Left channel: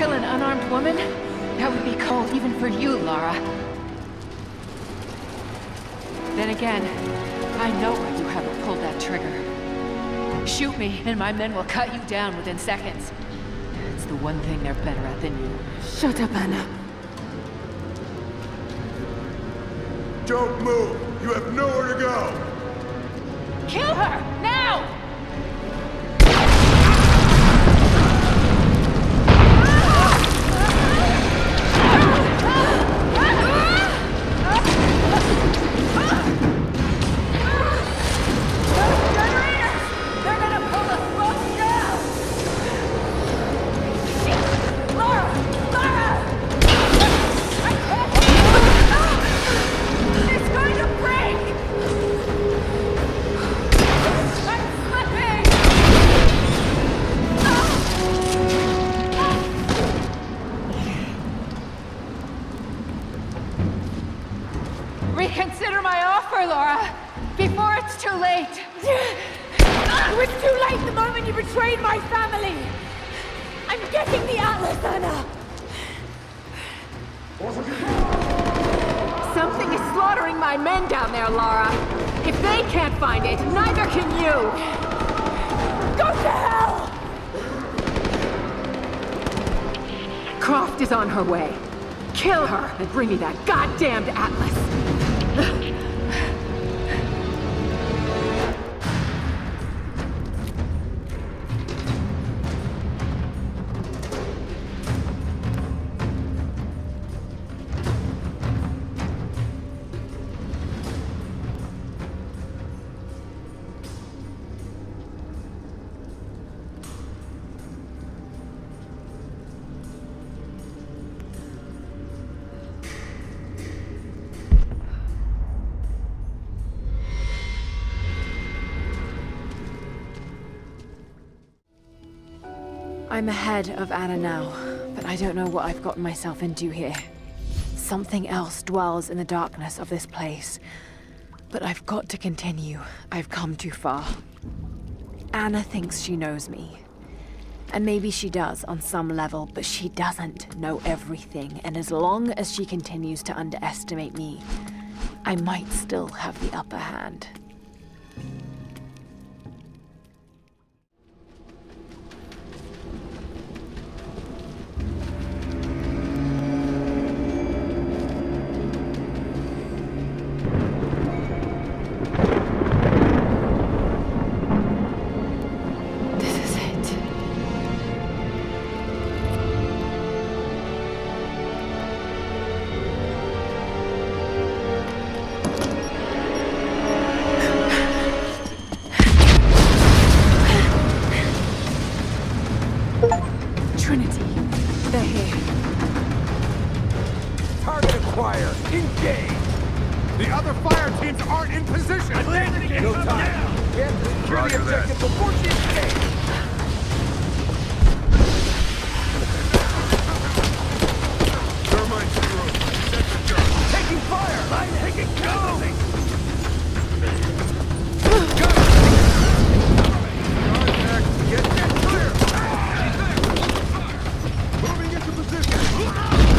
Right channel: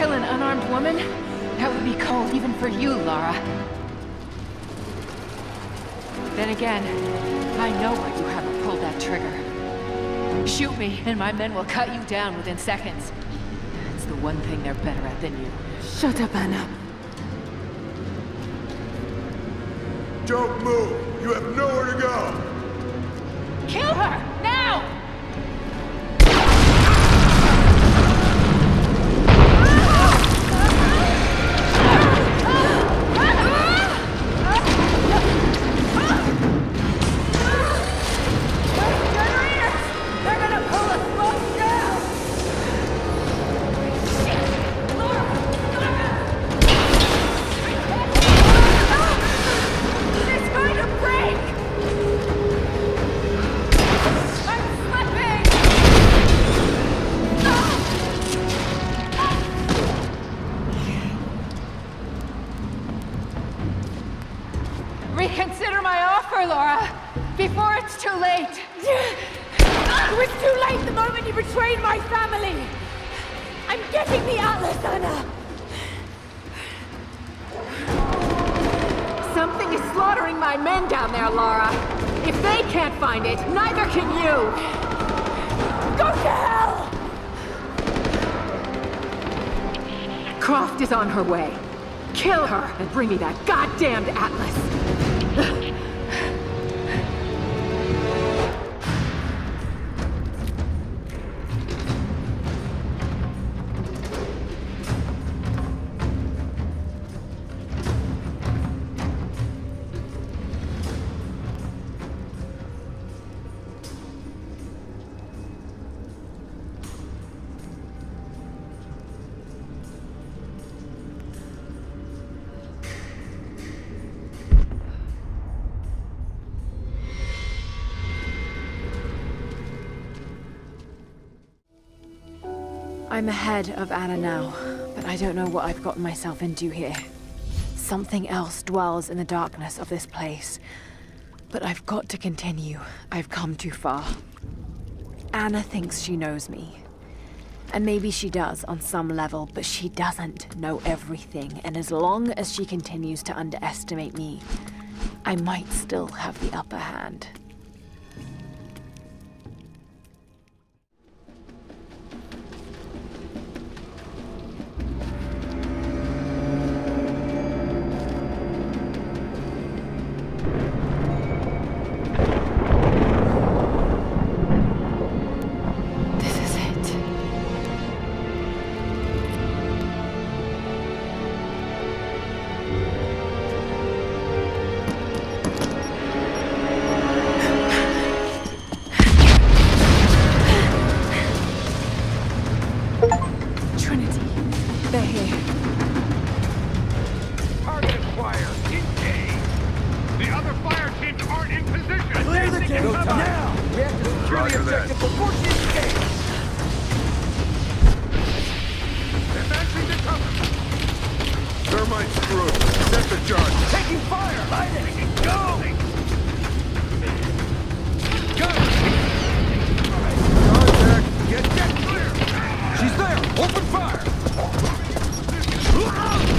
kill an unarmed woman? That would be cold even for you, Lara. Then again, I know why you haven't pulled that trigger. Shoot me, and my men will cut you down within seconds. It's the one thing they're better at than you. Shut up, Anna. Don't move! You have nowhere to go! Kill her! Now! Those generators! They're gonna pull us both down! Shit! Lara! Lara! I can't! It's going to break! I'm slipping! Reconsider my offer, Lara, before it's too late. It was too late the moment you betrayed my family! I'm getting the Atlas, Anna! Something is slaughtering my men down there, Lara. If they can't find it, neither can you! Go to hell! Croft is on her way. Kill her and bring me that goddamned Atlas. I'm ahead of Anna now, but I don't know what I've gotten myself into here. Something else dwells in the darkness of this place. But I've got to continue. I've come too far. Anna thinks she knows me. And maybe she does on some level, but she doesn't know everything. And as long as she continues to underestimate me, I might still have the upper hand. Trinity, they're here. Target acquired. Engage. The other fire teams aren't in position. Clear the gate. No time. We have to secure the objective before she escapes. Advancing to cover. Thermite through. Set the charge. Taking fire. Line it. Go. Go. Get. She's there. Open fire. Moving into position. Keep firing.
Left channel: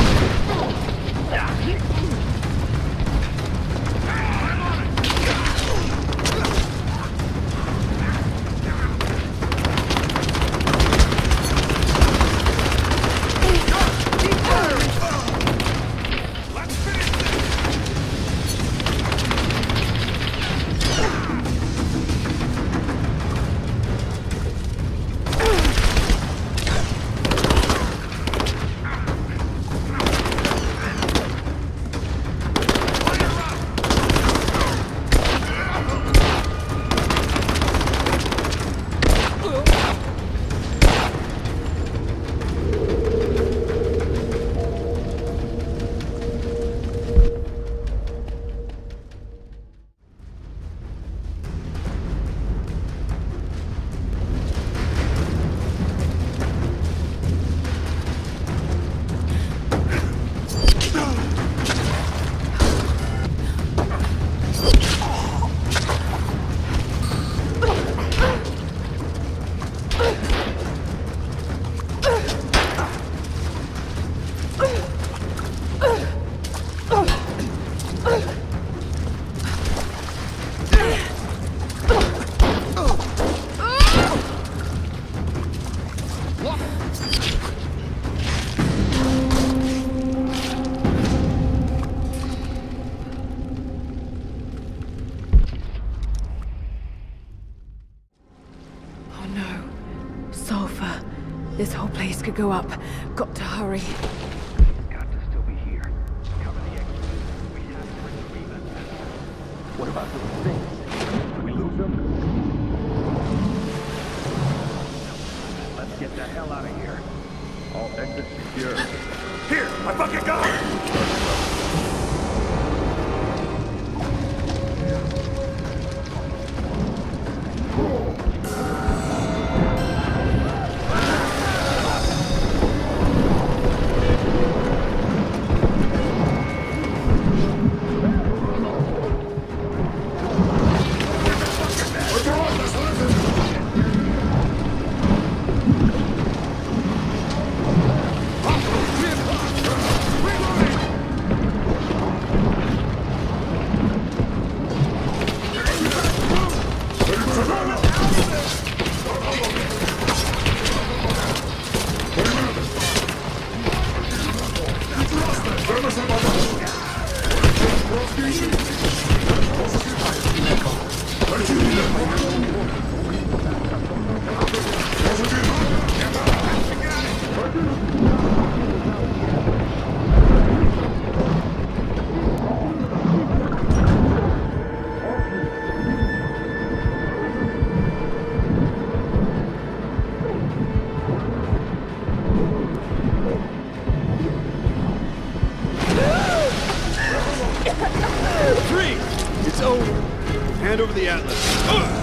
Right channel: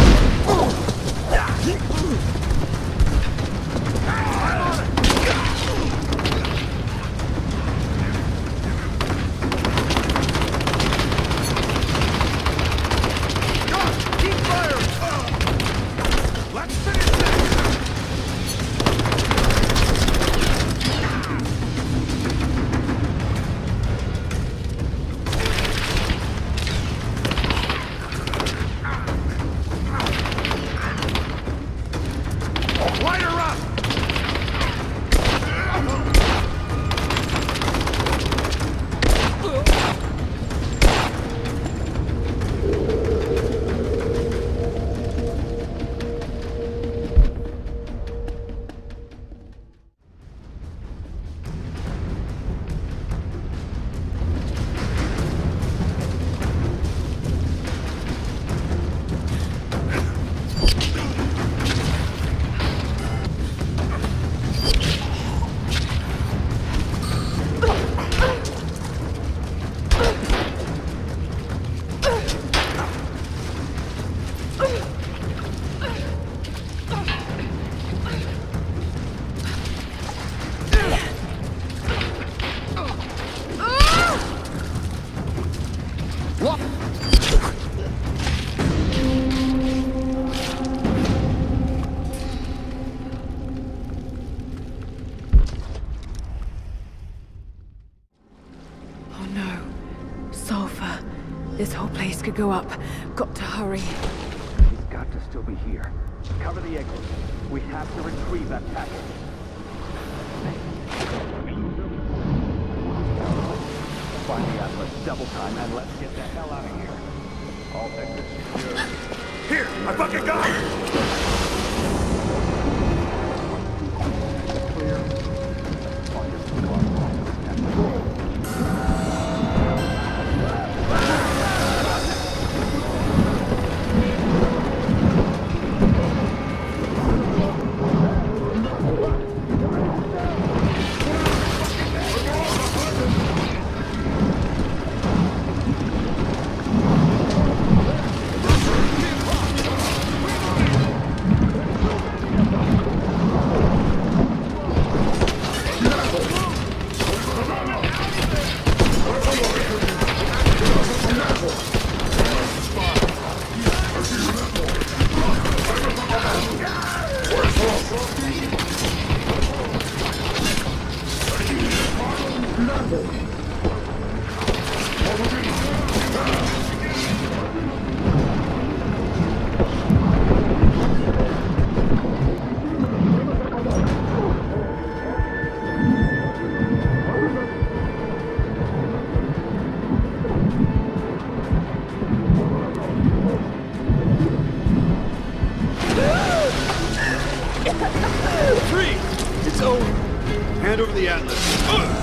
Oh no. Sulfur. This whole place could go up. Got to hurry. Got to still be here. Cover the exit. We have to retrieve that packet. What about this thing? Did we lose them? Find the Atlas double time and let's get the hell out of here. All exits secure. Here, I fucking got it! It's over. Hand over the Atlas. Ugh!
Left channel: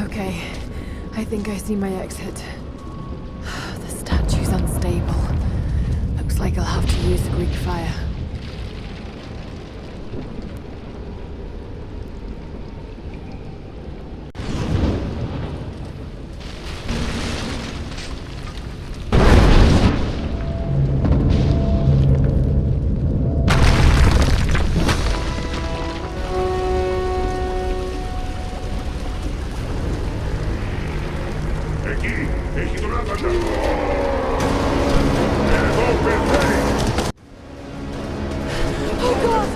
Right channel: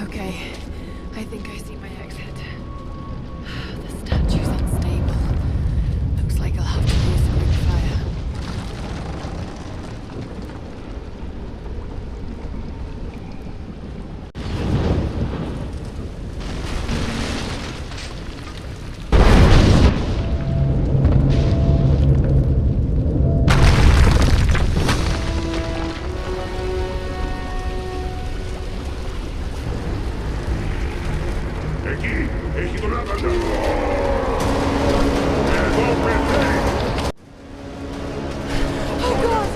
Okay, I think I see my exit. The statue's unstable. Looks like I'll have to use the Greek fire. Εκεί! Έχει τον άπαντα! Εδώ πεθαίνει! Oh God!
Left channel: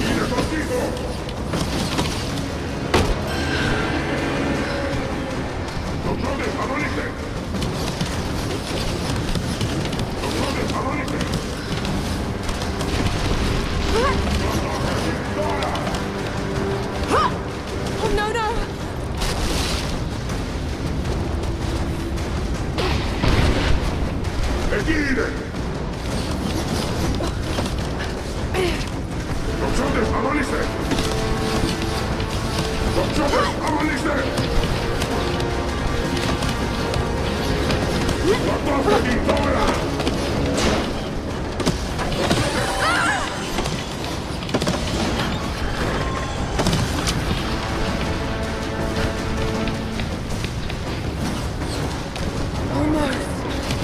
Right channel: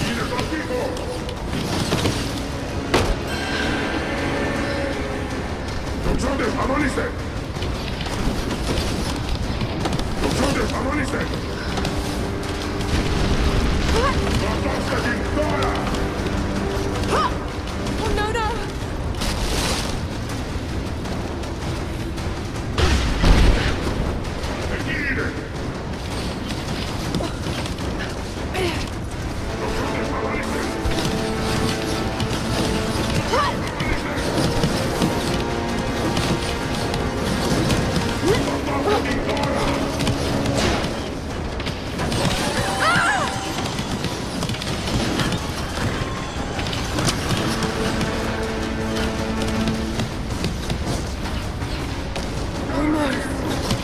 Είναι το τείχο! Oh no, no! Εκεί είναι!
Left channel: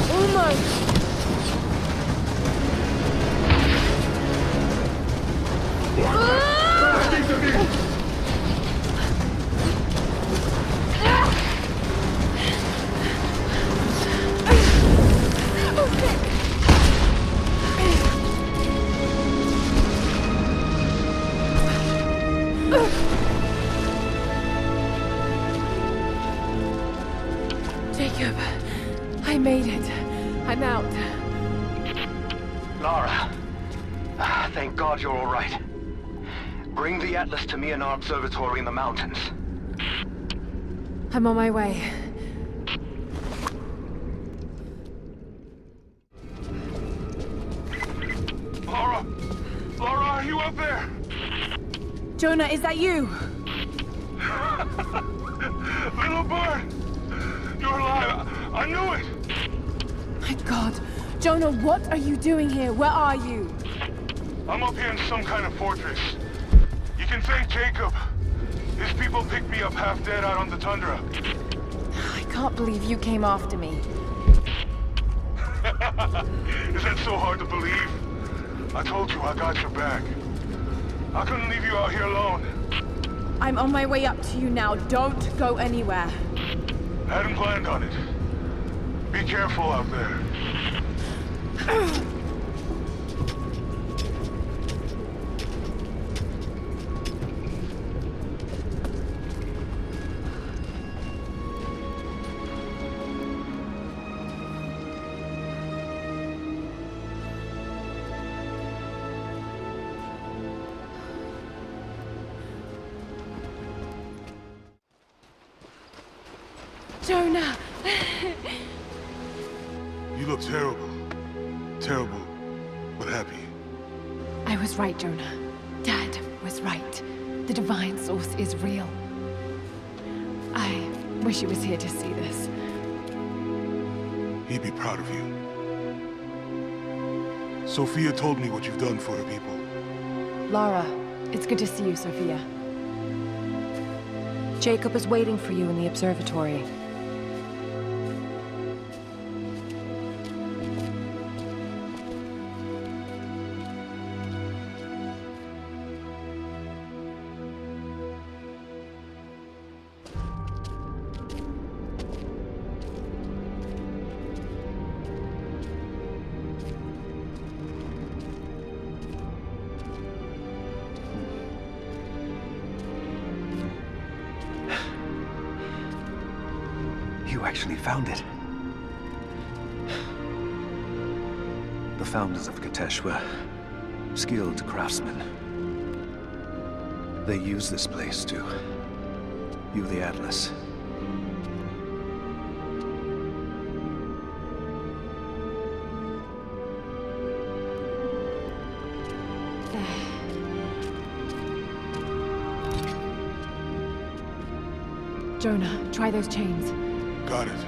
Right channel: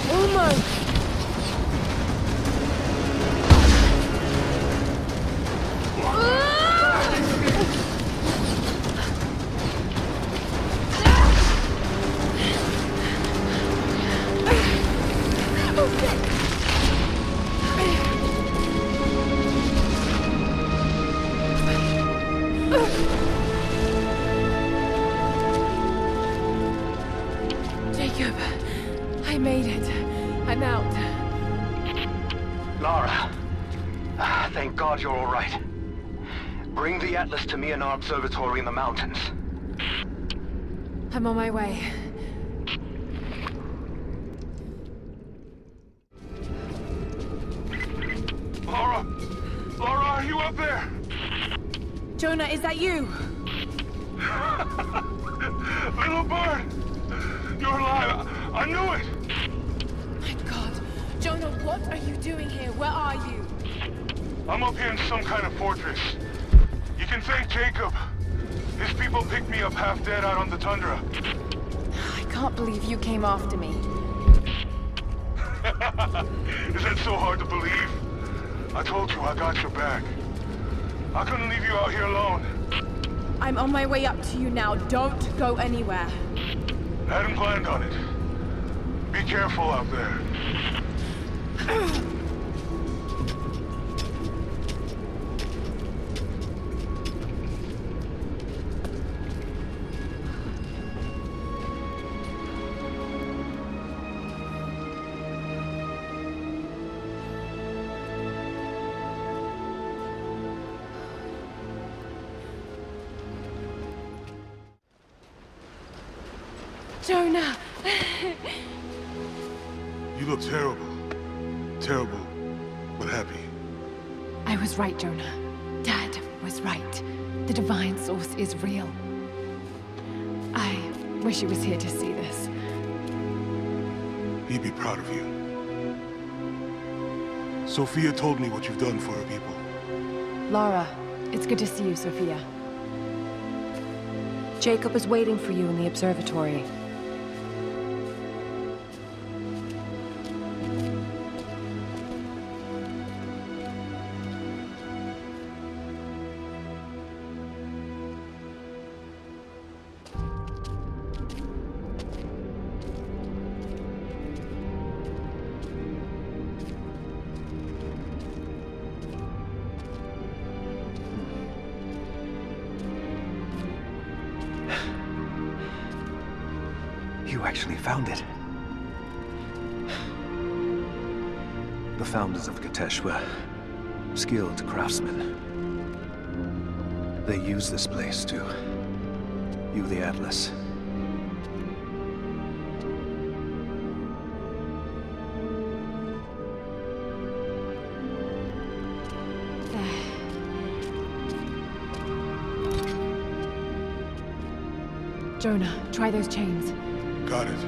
Almost. Oh shit! Jacob, I made it. I'm out. Lara, thank God you're all right. Bring the Atlas to me in our observatory in the mountains. I'm on my way. Lara! Lara, are you up there? Jonah, is that you? Little bird! You're alive! I knew it! My God. Jonah, what are you doing here? Where are you? I'm up here in some kind of fortress. You can thank Jacob. His people picked me up half dead out on the tundra. I can't believe you came after me. Is that so hard to believe? I told you I got your back. I couldn't leave you out here alone. I'm on my way up to you now. Don't go anywhere. Hadn't planned on it. Be careful out there. Jonah! You look terrible. Terrible, but happy. I was right, Jonah. Dad was right. The divine source is real. I wish he was here to see this. He'd be proud of you. Sophia told me what you've done for her people. Lara, it's good to see you, Sophia. Jacob is waiting for you in the observatory. You actually found it. The founders of Katesh were skilled craftsmen. They used this place to view the Atlas. Jonah, try those chains. Got it.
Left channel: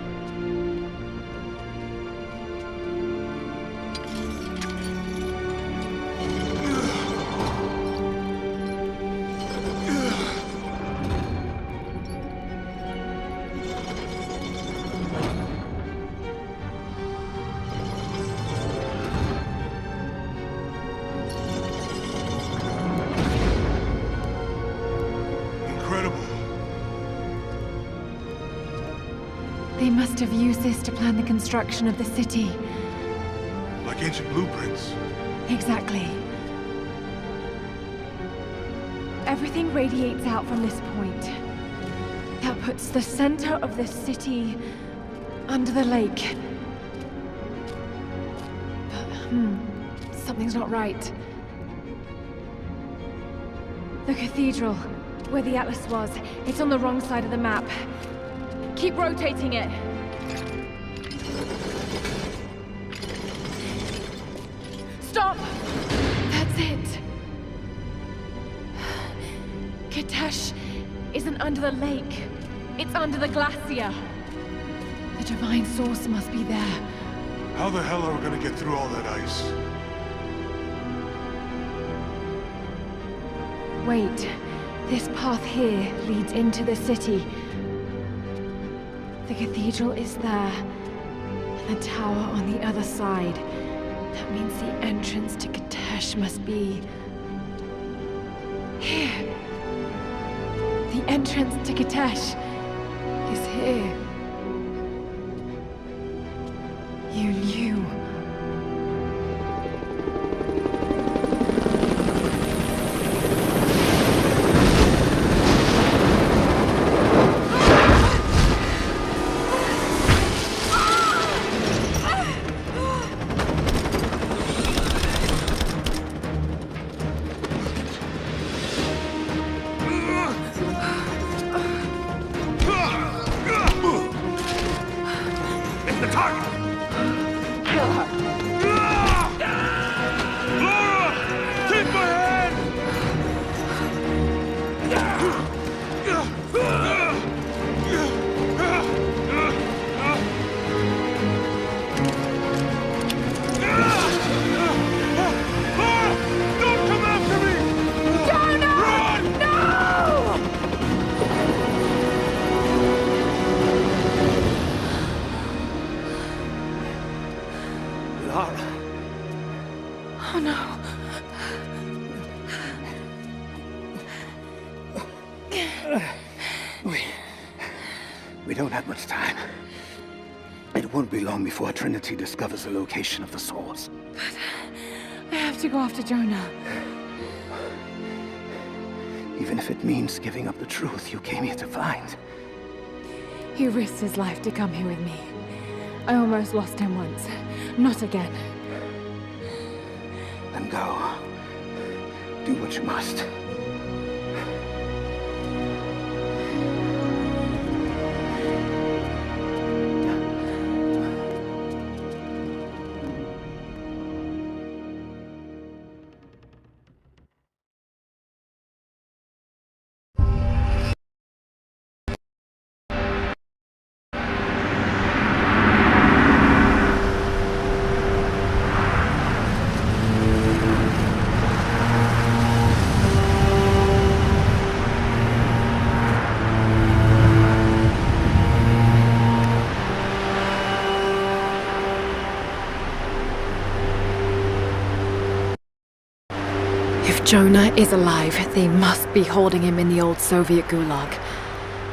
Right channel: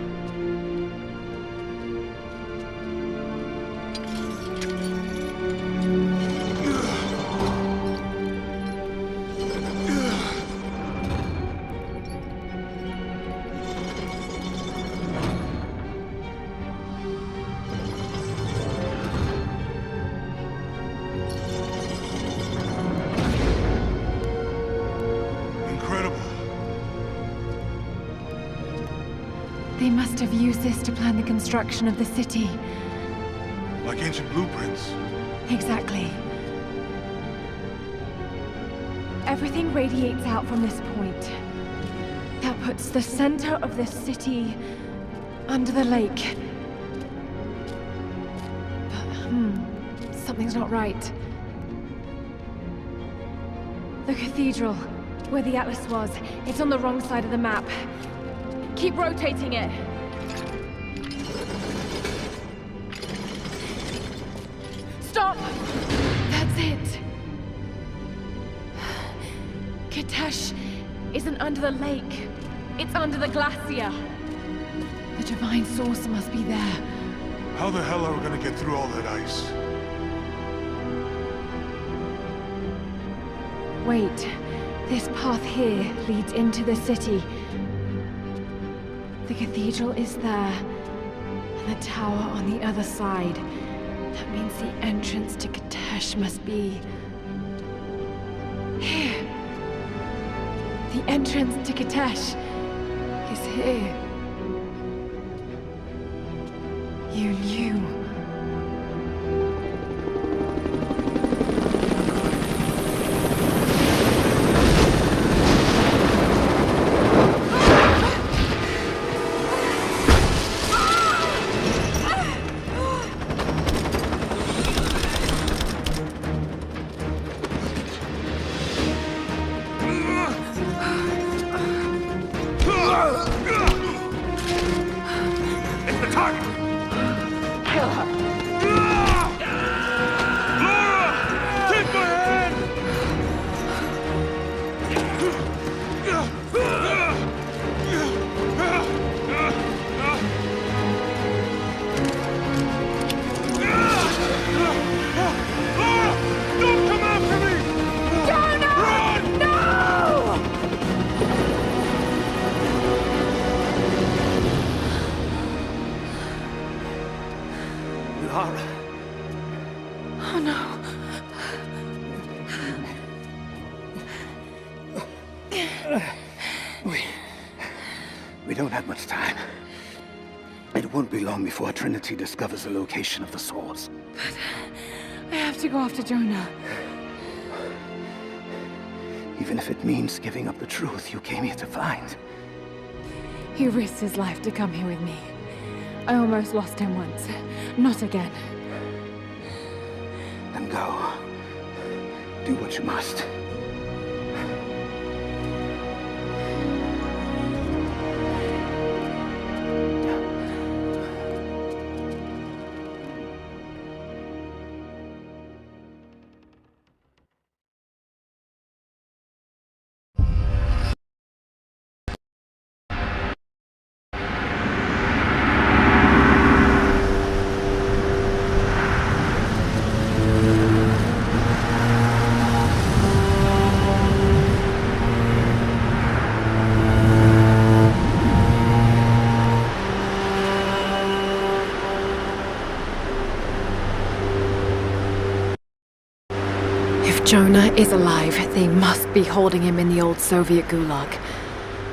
Incredible. They must have used this to plan the construction of the city. Like ancient blueprints. Exactly. Everything radiates out from this point. That puts the center of the city under the lake. But, something's not right. The cathedral, where the Atlas was, it's on the wrong side of the map. Keep rotating it. Stop! That's it. Katesh isn't under the lake. It's under the glacier. The divine source must be there. How the hell are we gonna get through all that ice? Wait, this path here leads into the city. The cathedral is there, and the tower on the other side. That means the entrance to Katesh must be... here. The entrance to Katesh is here. You knew. It's the target! Kill her. Lara! Take my hand! Lara! Don't come after me! Jonah! Run! No! Lara. Oh no. We don't have much time. It won't be long before Trinity discovers the location of the source. I have to go after Jonah. Even if it means giving up the truth you came here to find. He risked his life to come here with me. I almost lost him once. Not again. Then go. Do what you must. If Jonah is alive, they must be holding him in the old Soviet gulag.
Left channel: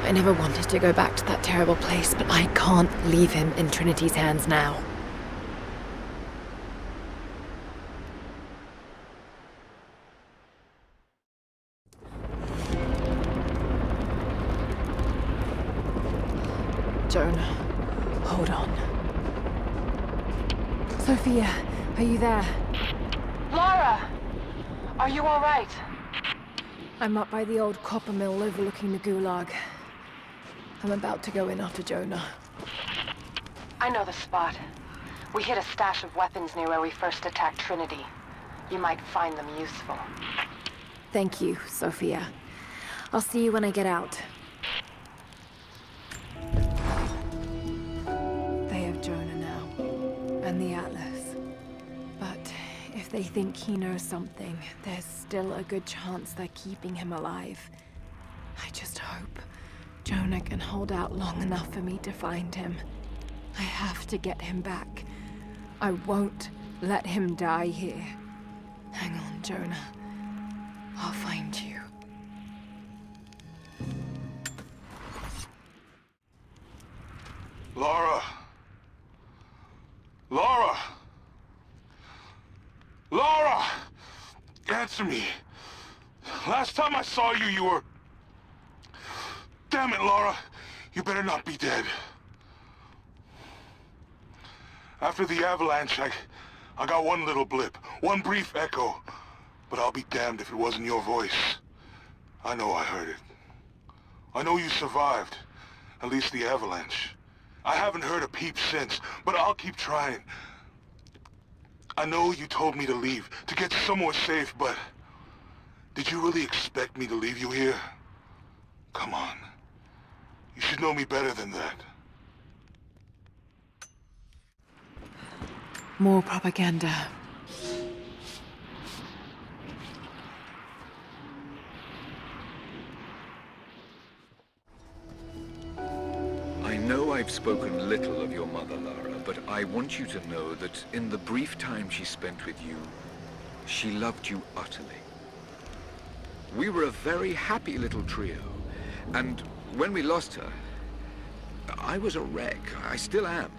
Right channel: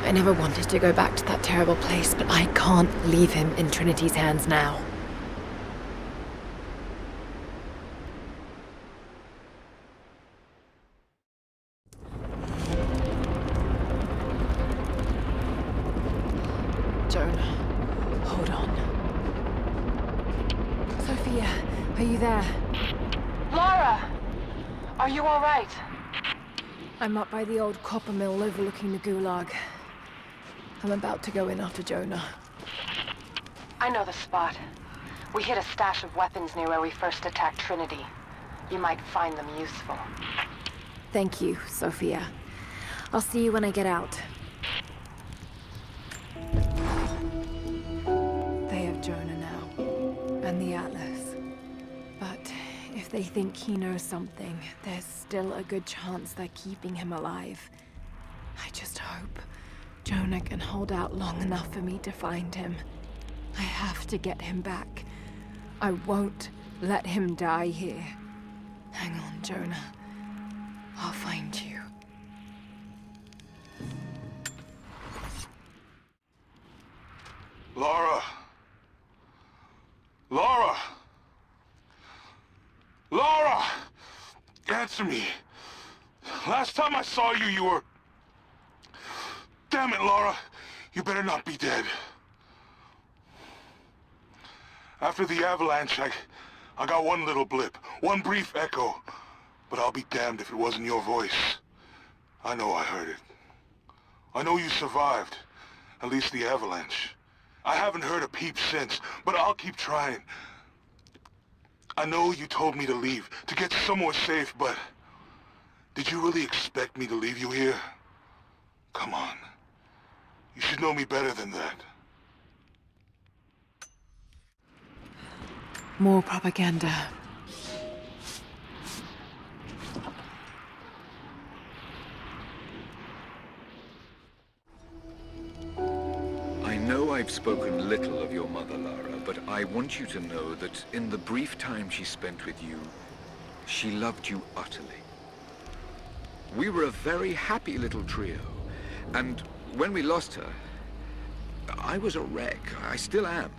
I never wanted to go back to that terrible place, but I can't leave him in Trinity's hands now. Jonah, hold on. Sophia, are you there? Lara! Are you all right? I'm up by the old copper mill overlooking the gulag. I'm about to go in after Jonah. I know the spot. We hid a stash of weapons near where we first attacked Trinity. You might find them useful. Thank you, Sophia. I'll see you when I get out. They have Jonah now, and the Atlas. But if they think he knows something, there's still a good chance they're keeping him alive. I just hope Jonah can hold out long enough for me to find him. I have to get him back. I won't let him die here. Hang on, Jonah. I'll find you. Lara! Lara! Lara! Answer me. Last time I saw you, you were... Damn it, Lara. You better not be dead. After the avalanche, I got one little blip, one brief echo. But I'll be damned if it wasn't your voice. I know I heard it. I know you survived. At least the avalanche. I haven't heard a peep since, but I'll keep trying. I know you told me to leave, to get somewhere safe, but... Did you really expect me to leave you here? Come on. You should know me better than that. More propaganda. I know I've spoken little of your mother, Lara, but I want you to know that in the brief time she spent with you, she loved you utterly. We were a very happy little trio, and when we lost her, I was a wreck. I still am.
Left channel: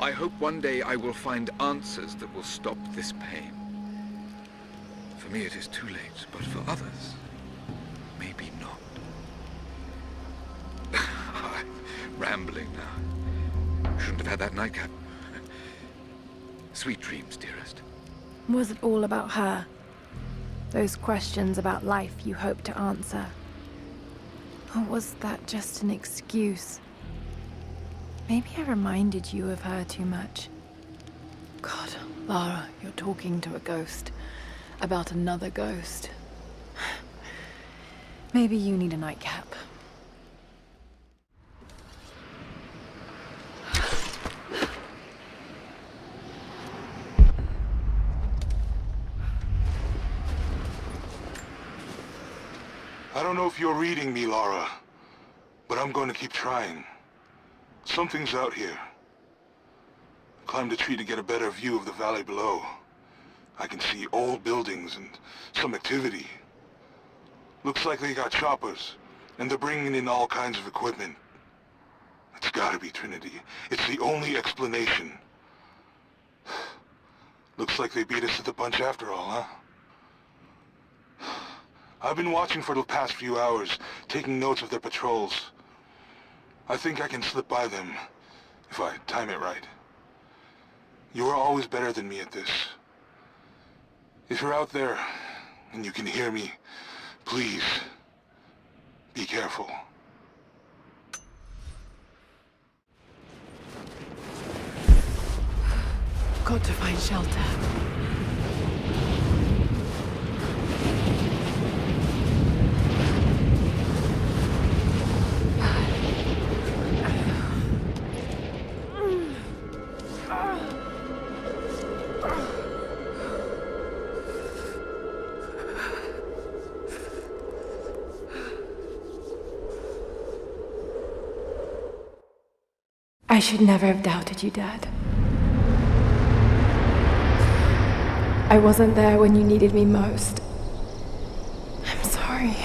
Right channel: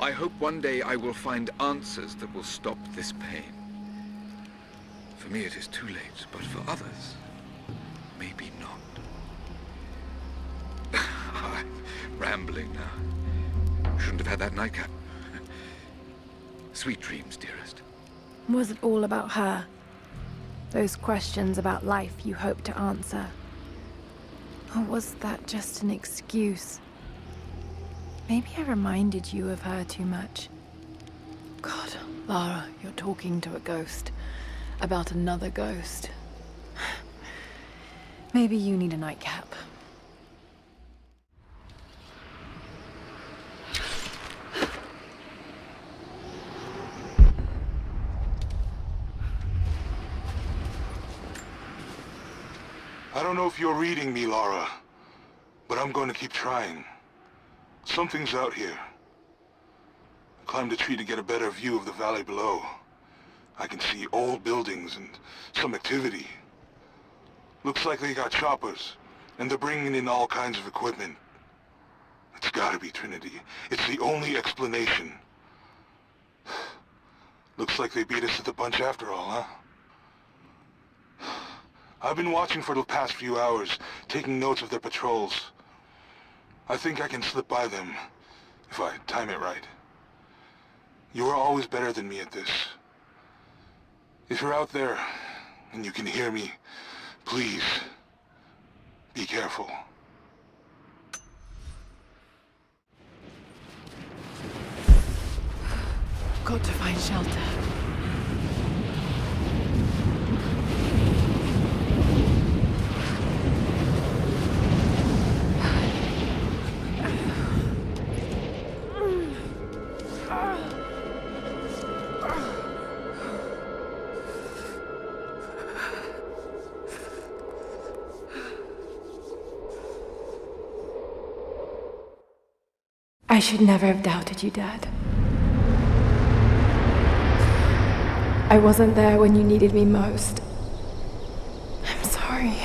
I hope one day I will find answers that will stop this pain. For me it is too late, but for others, maybe not. I'm rambling now. Shouldn't have had that nightcap. Sweet dreams, dearest. Was it all about her? Those questions about life you hoped to answer? Or was that just an excuse? Maybe I reminded you of her too much. God, Lara, you're talking to a ghost. About another ghost. Maybe you need a nightcap. I don't know if you're reading me, Lara, but I'm going to keep trying. Something's out here. I climbed a tree to get a better view of the valley below. I can see old buildings and some activity. Looks like they got choppers, and they're bringing in all kinds of equipment. It's gotta be Trinity. It's the only explanation. Looks like they beat us to the punch after all, huh? I've been watching for the past few hours, taking notes of their patrols. I think I can slip by them, if I time it right. You are always better than me at this. If you're out there, and you can hear me, please, be careful. Got to find shelter. I should never have doubted you, Dad. I wasn't there when you needed me most. I'm sorry.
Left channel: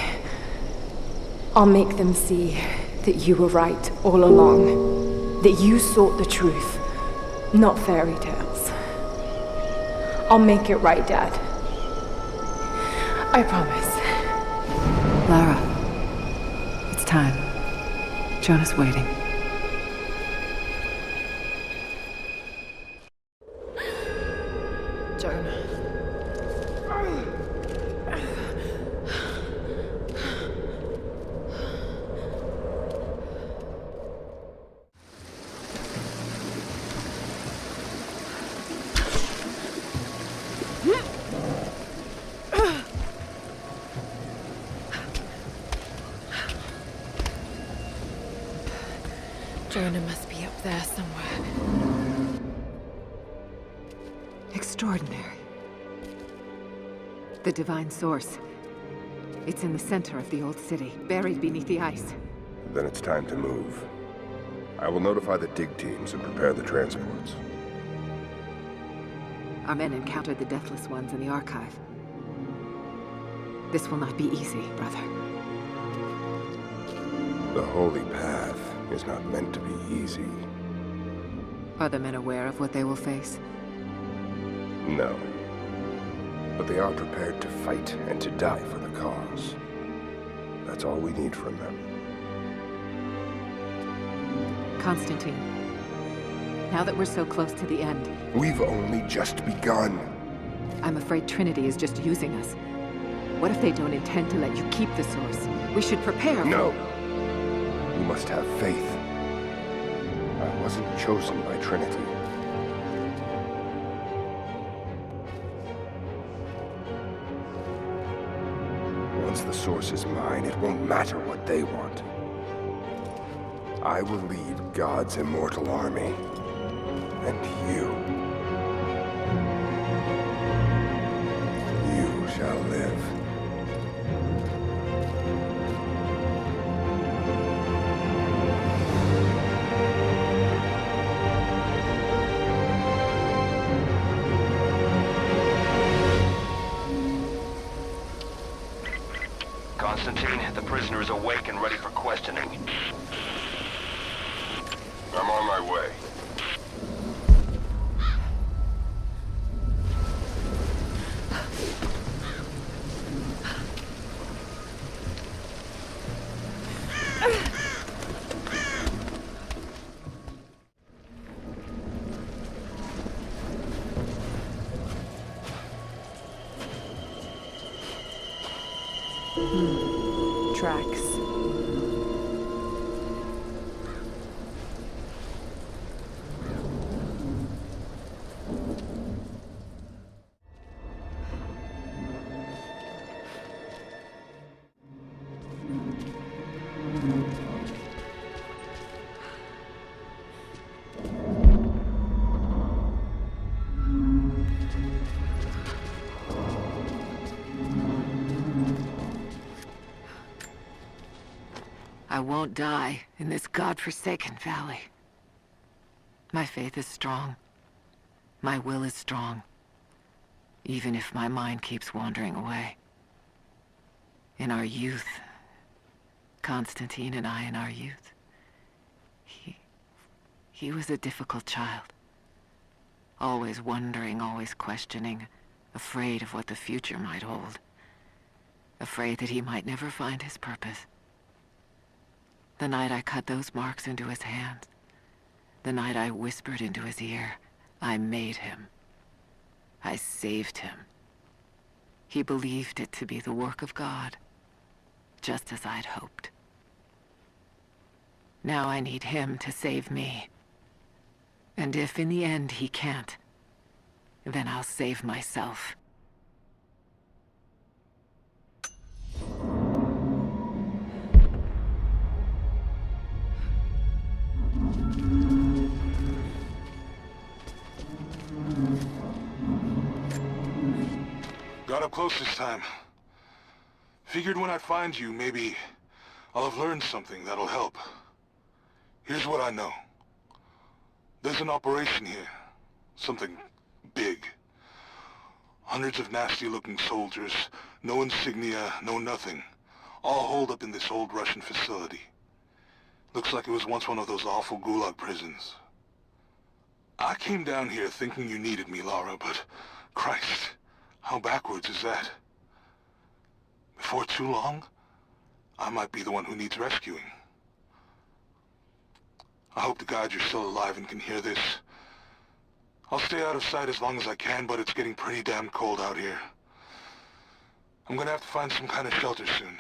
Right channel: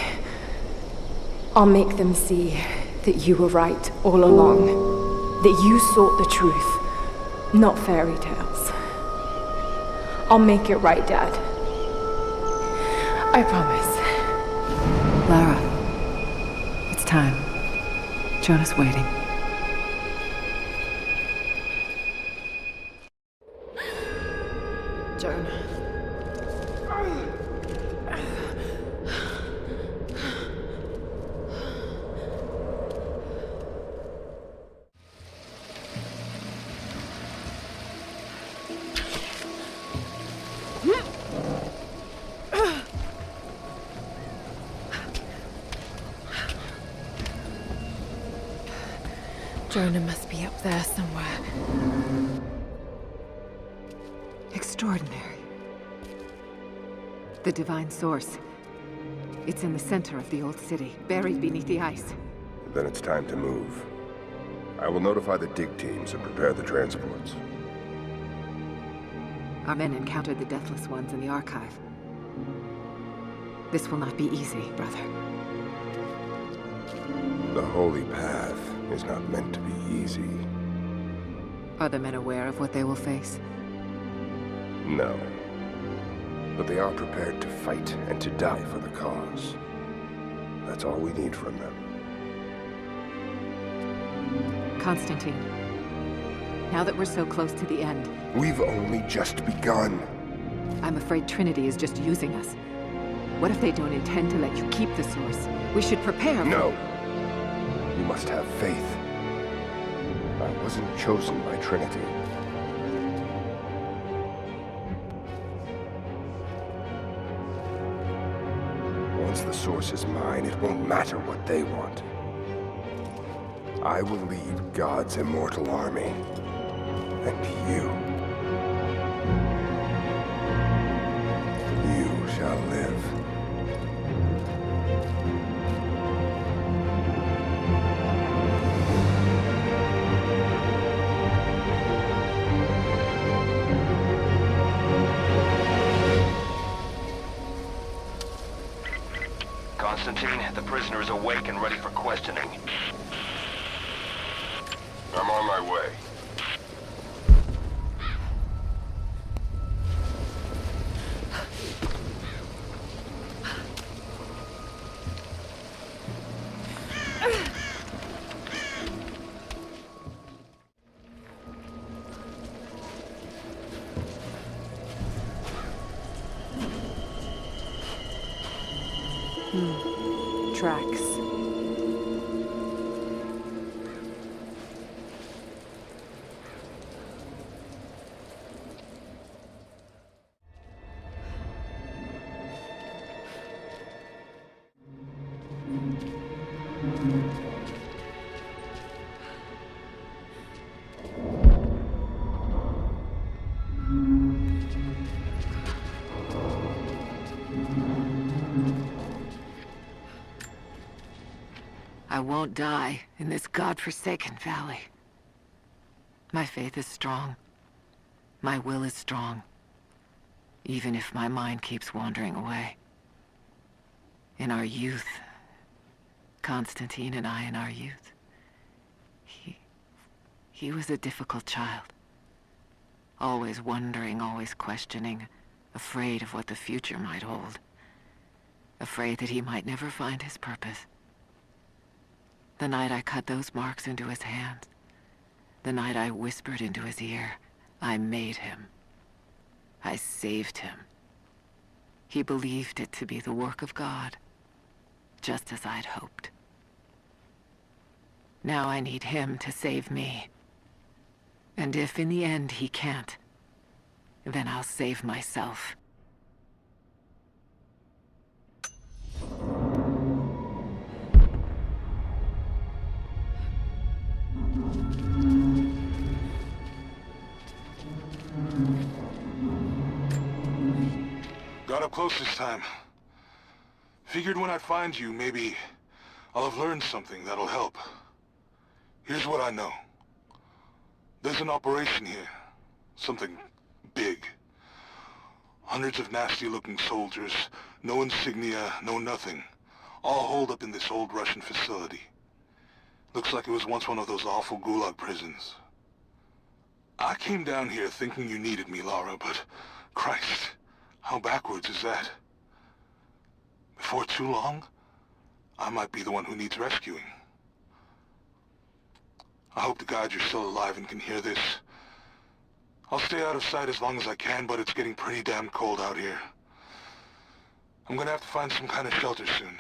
I'll make them see that you were right all along. That you sought the truth, not fairy tales. I'll make it right, Dad. I promise. Lara, it's time. Jonah's waiting. Jonah. Jonah must be up there somewhere. Extraordinary. The divine source. It's in the center of the old city, buried beneath the ice. Then it's time to move. I will notify the dig teams and prepare the transports. Our men encountered the Deathless Ones in the archive. This will not be easy, brother. The holy path is not meant to be easy. Are the men aware of what they will face? No. But they are prepared to fight and to die for the cause. That's all we need from them. Constantine, now that we're so close to the end... We've only just begun. I'm afraid Trinity is just using us. What if they don't intend to let you keep the source? We should prepare for... No! You must have faith. I wasn't chosen by Trinity. Once the source is mine, it won't matter what they want. I will lead God's immortal army. And you shall live. Constantine, the prisoner is awake and ready for questioning. I'm on my way. Tracks. I won't die in this godforsaken valley. My faith is strong. My will is strong. Even if my mind keeps wandering away. In our youth, Constantine and I in our youth, he was a difficult child. Always wondering, always questioning, afraid of what the future might hold. Afraid that he might never find his purpose. The night I cut those marks into his hands, the night I whispered into his ear, I made him. I saved him. He believed it to be the work of God, just as I'd hoped. Now I need him to save me. And if in the end he can't, then I'll save myself. Got up close this time. Figured when I find you, maybe I'll have learned something that'll help. Here's what I know. There's an operation here. Something big. Hundreds of nasty-looking soldiers, no insignia, no nothing. All holed up in this old Russian facility. Looks like it was once one of those awful gulag prisons. I came down here thinking you needed me, Lara, but Christ, how backwards is that? Before too long, I might be the one who needs rescuing. I hope to God you're still alive and can hear this. I'll stay out of sight as long as I can, but it's getting pretty damn cold out here. I'm gonna have to find some kind of shelter soon.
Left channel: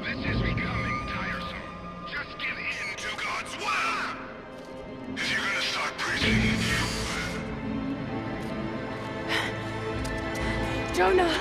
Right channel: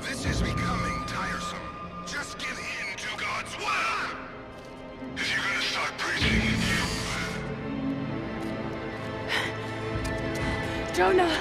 This is becoming tiresome. Just get into God's will! If you're gonna start preaching, Jonah!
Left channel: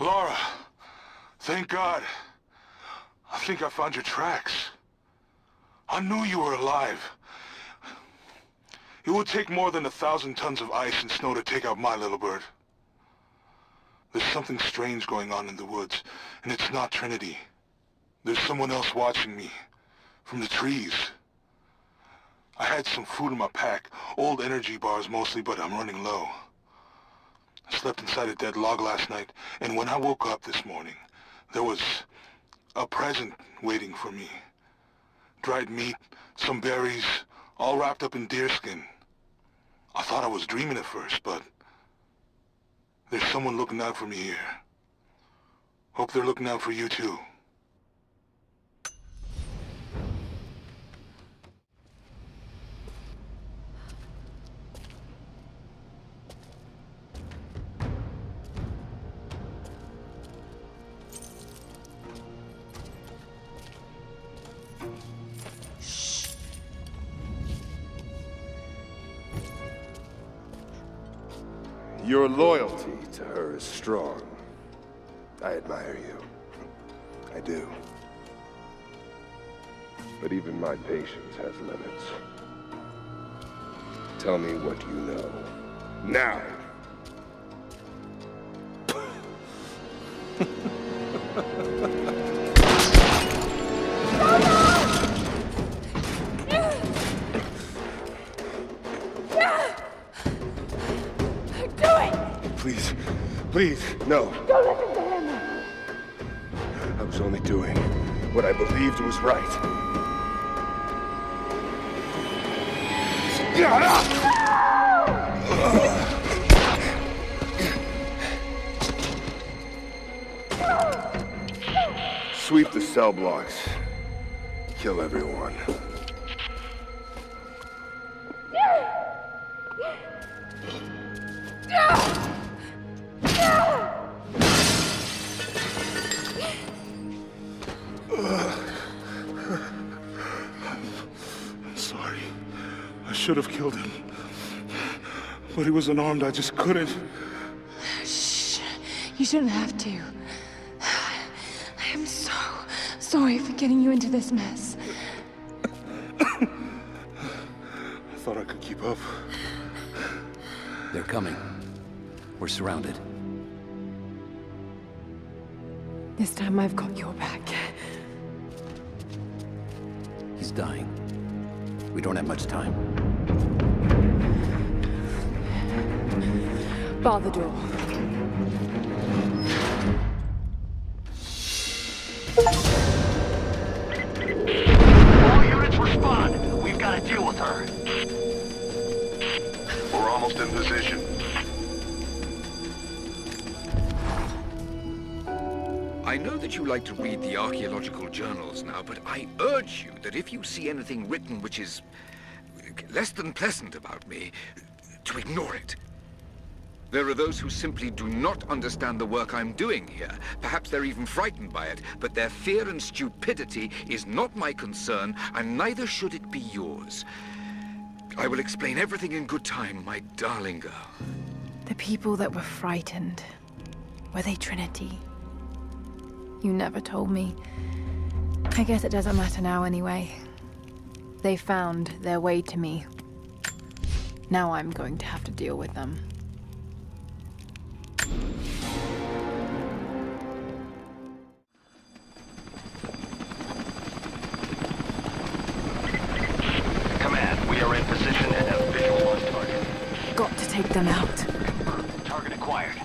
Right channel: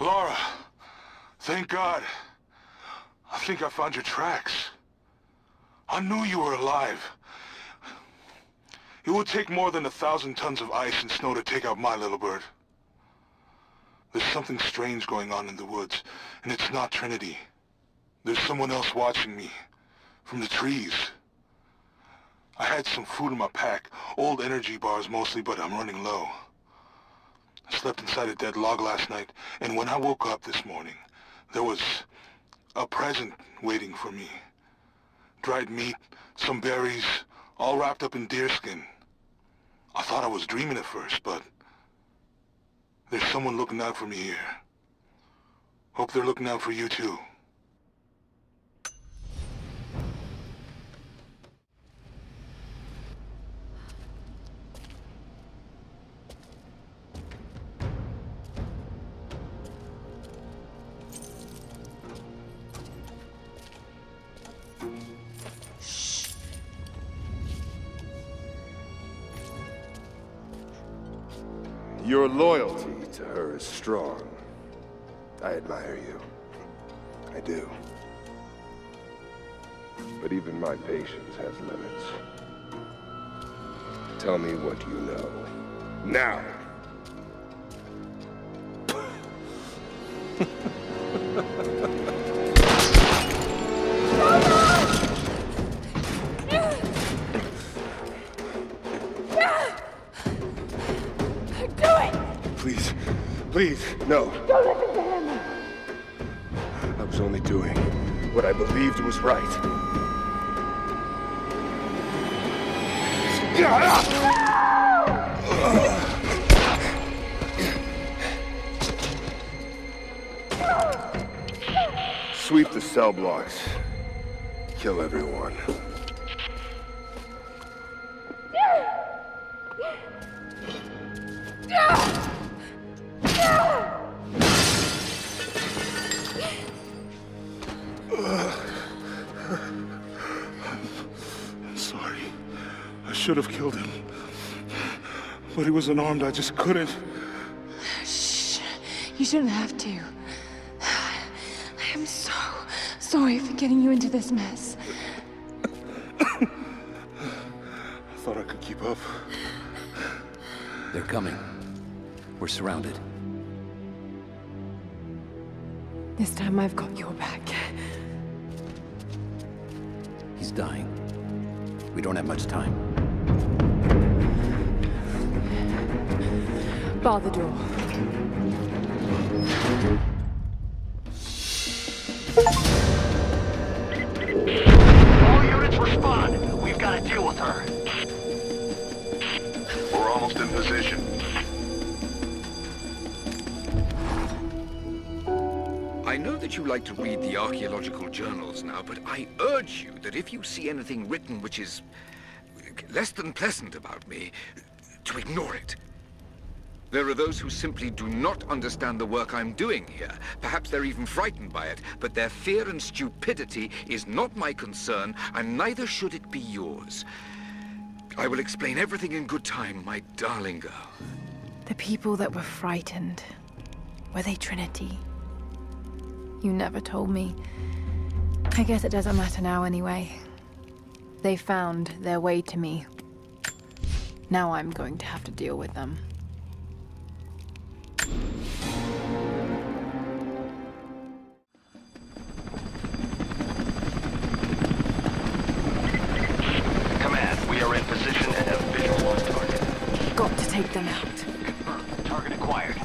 Lara, thank God. I think I found your tracks. I knew you were alive. It would take more than 1,000 tons of ice and snow to take out my little bird. There's something strange going on in the woods, and it's not Trinity. There's someone else watching me, from the trees. I had some food in my pack, old energy bars mostly, but I'm running low. I slept inside a dead log last night, and when I woke up this morning, there was a present waiting for me. Dried meat, some berries, all wrapped up in deerskin. I thought I was dreaming at first, but there's someone looking out for me here. Hope they're looking out for you too. Your loyalty to her is strong. I admire you. I do. But even my patience has limits. Tell me what you know. Now! Do it! Please, please, no. Don't listen to him! I was only doing what I believed was right. Sweep the cell blocks. Kill everyone. I'm sorry. I should have killed him. But he was unarmed, I just couldn't. Shh. You shouldn't have to. I am so sorry for getting you into this mess. I thought I could keep up. They're coming. We're surrounded. This time I've got your back. He's dying. We don't have much time. Bar the door. All units respond. We've got to deal with her. We're almost in position. I know that you like to read the archaeological journals now, but I urge you that if you see anything written which is less than pleasant about me, to ignore it. There are those who simply do not understand the work I'm doing here. Perhaps they're even frightened by it, but their fear and stupidity is not my concern, and neither should it be yours. I will explain everything in good time, my darling girl. The people that were frightened, were they Trinity? You never told me. I guess it doesn't matter now anyway. They found their way to me. Now I'm going to have to deal with them. Command, we are in position and have visual on target. Got to take them out. Confirmed. Target acquired.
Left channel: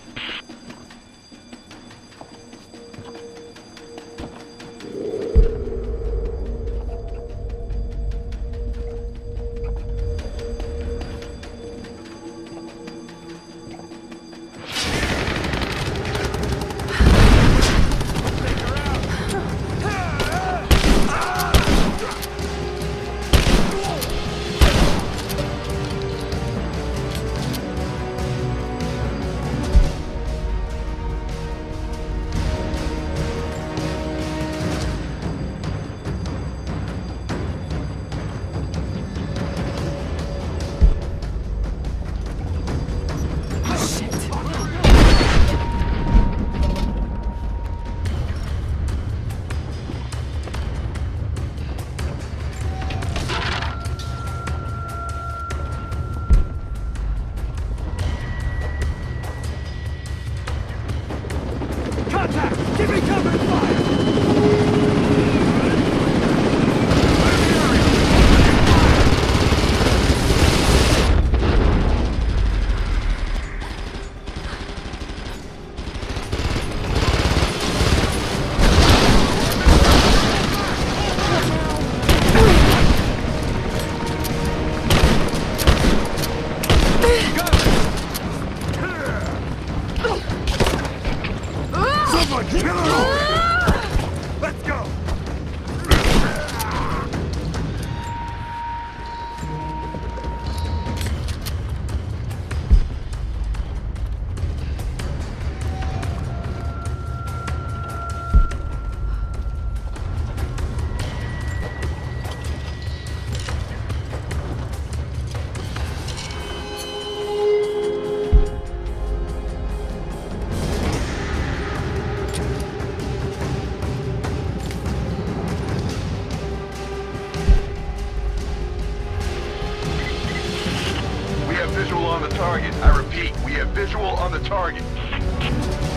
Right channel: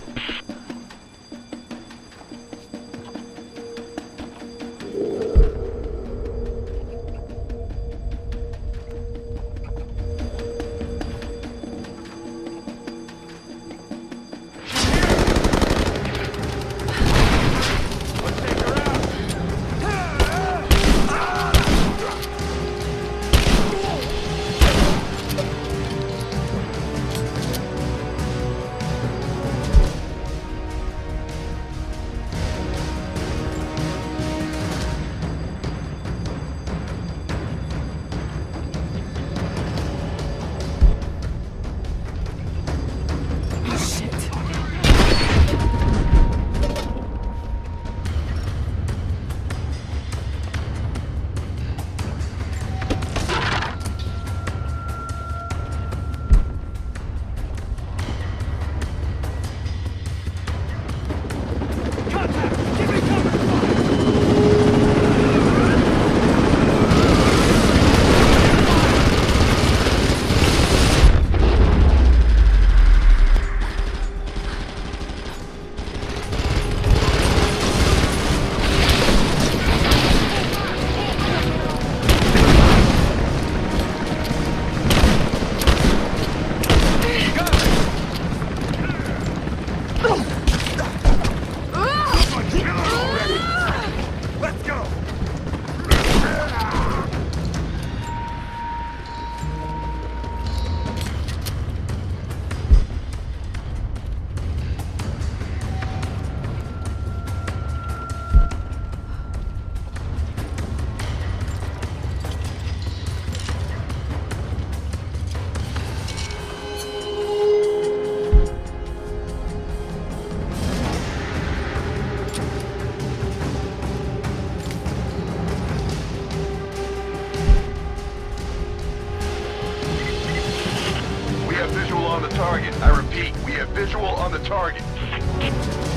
on the target. I repeat, we have visual on the target.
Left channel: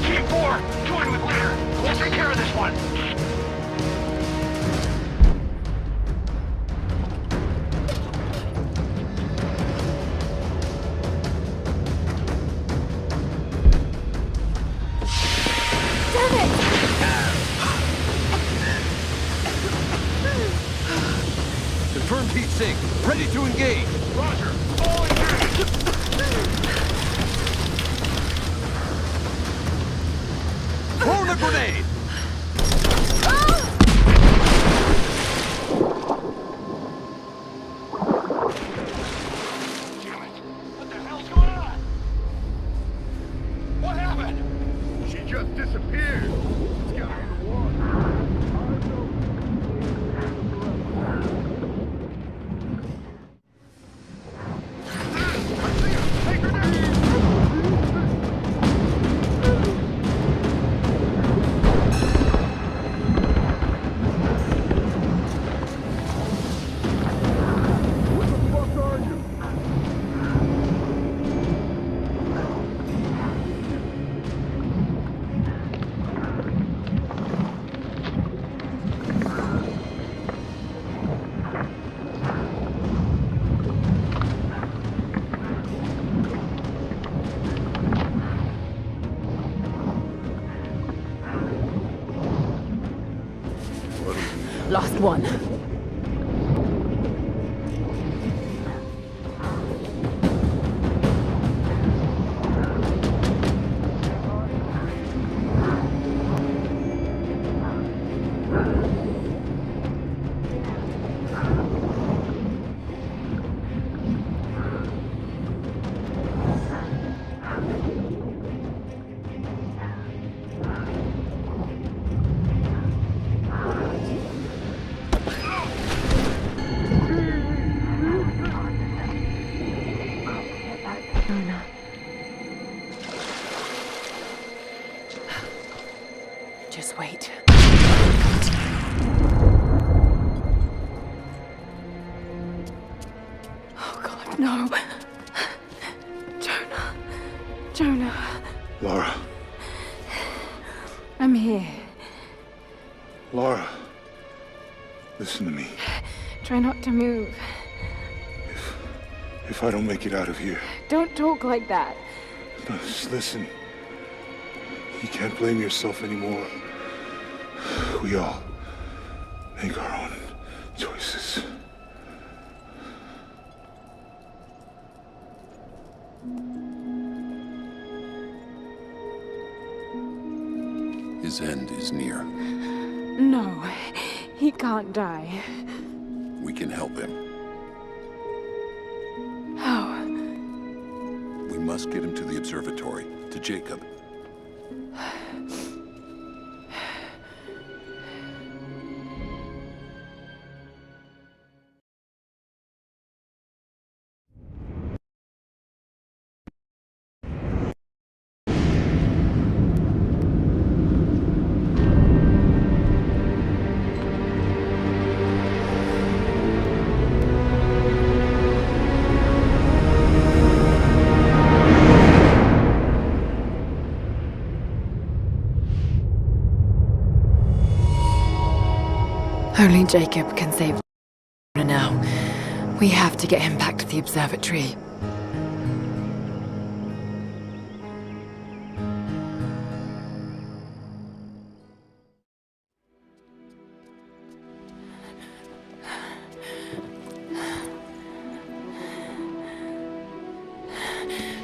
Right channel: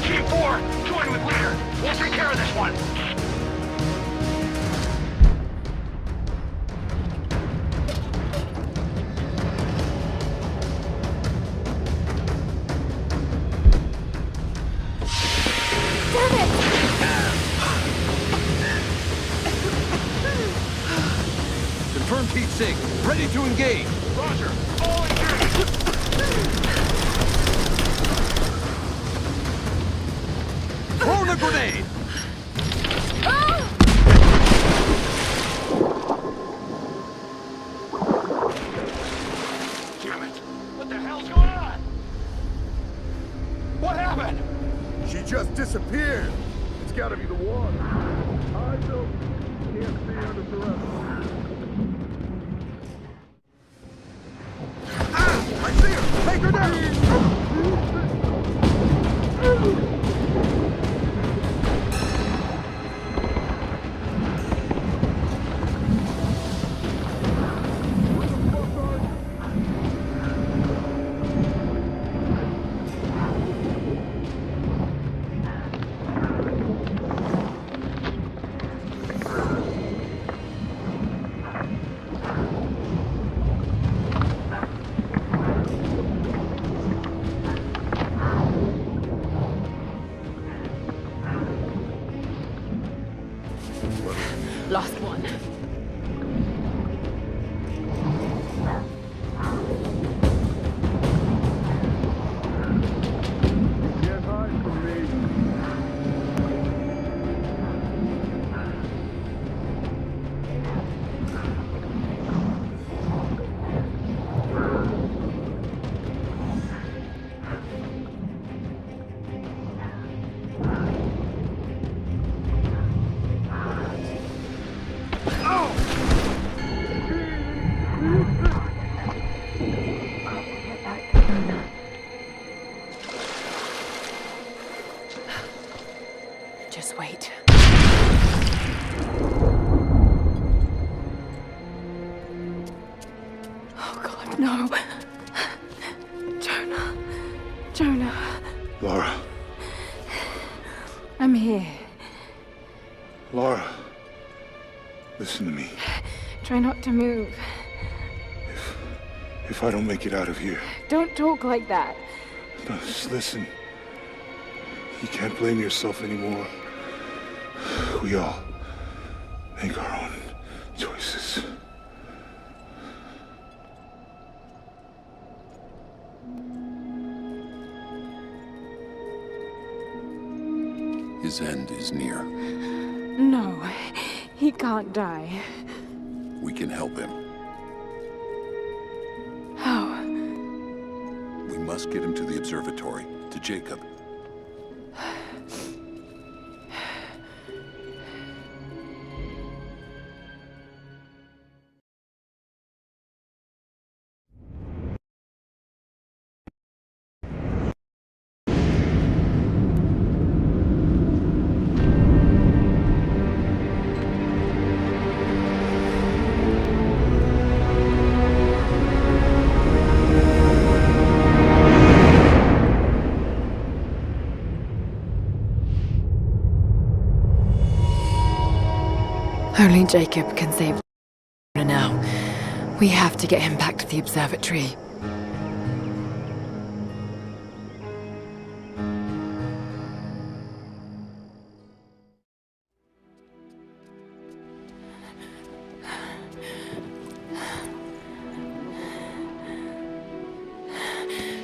Team 4, join with leader. We'll take care of this one. Confirmed heat sink. Ready to engage. Roger. All engaged. Throw the grenade! What the hell's going on? What happened? She just disappeared. It's gotta be the one. Last one. Just wait. Oh God, no. Jonah. Jonah. Lara. I'm here. Lara. Listen to me. Try not to move. If I don't make it out of here. Don't talk like that. No, just listen. You can't blame yourself anymore. We all make our own choices. His end is near. No, he can't die. We can help him. How? We must get him to the observatory, to Jacob. Only Jacob can save now. We have to get him back to the observatory.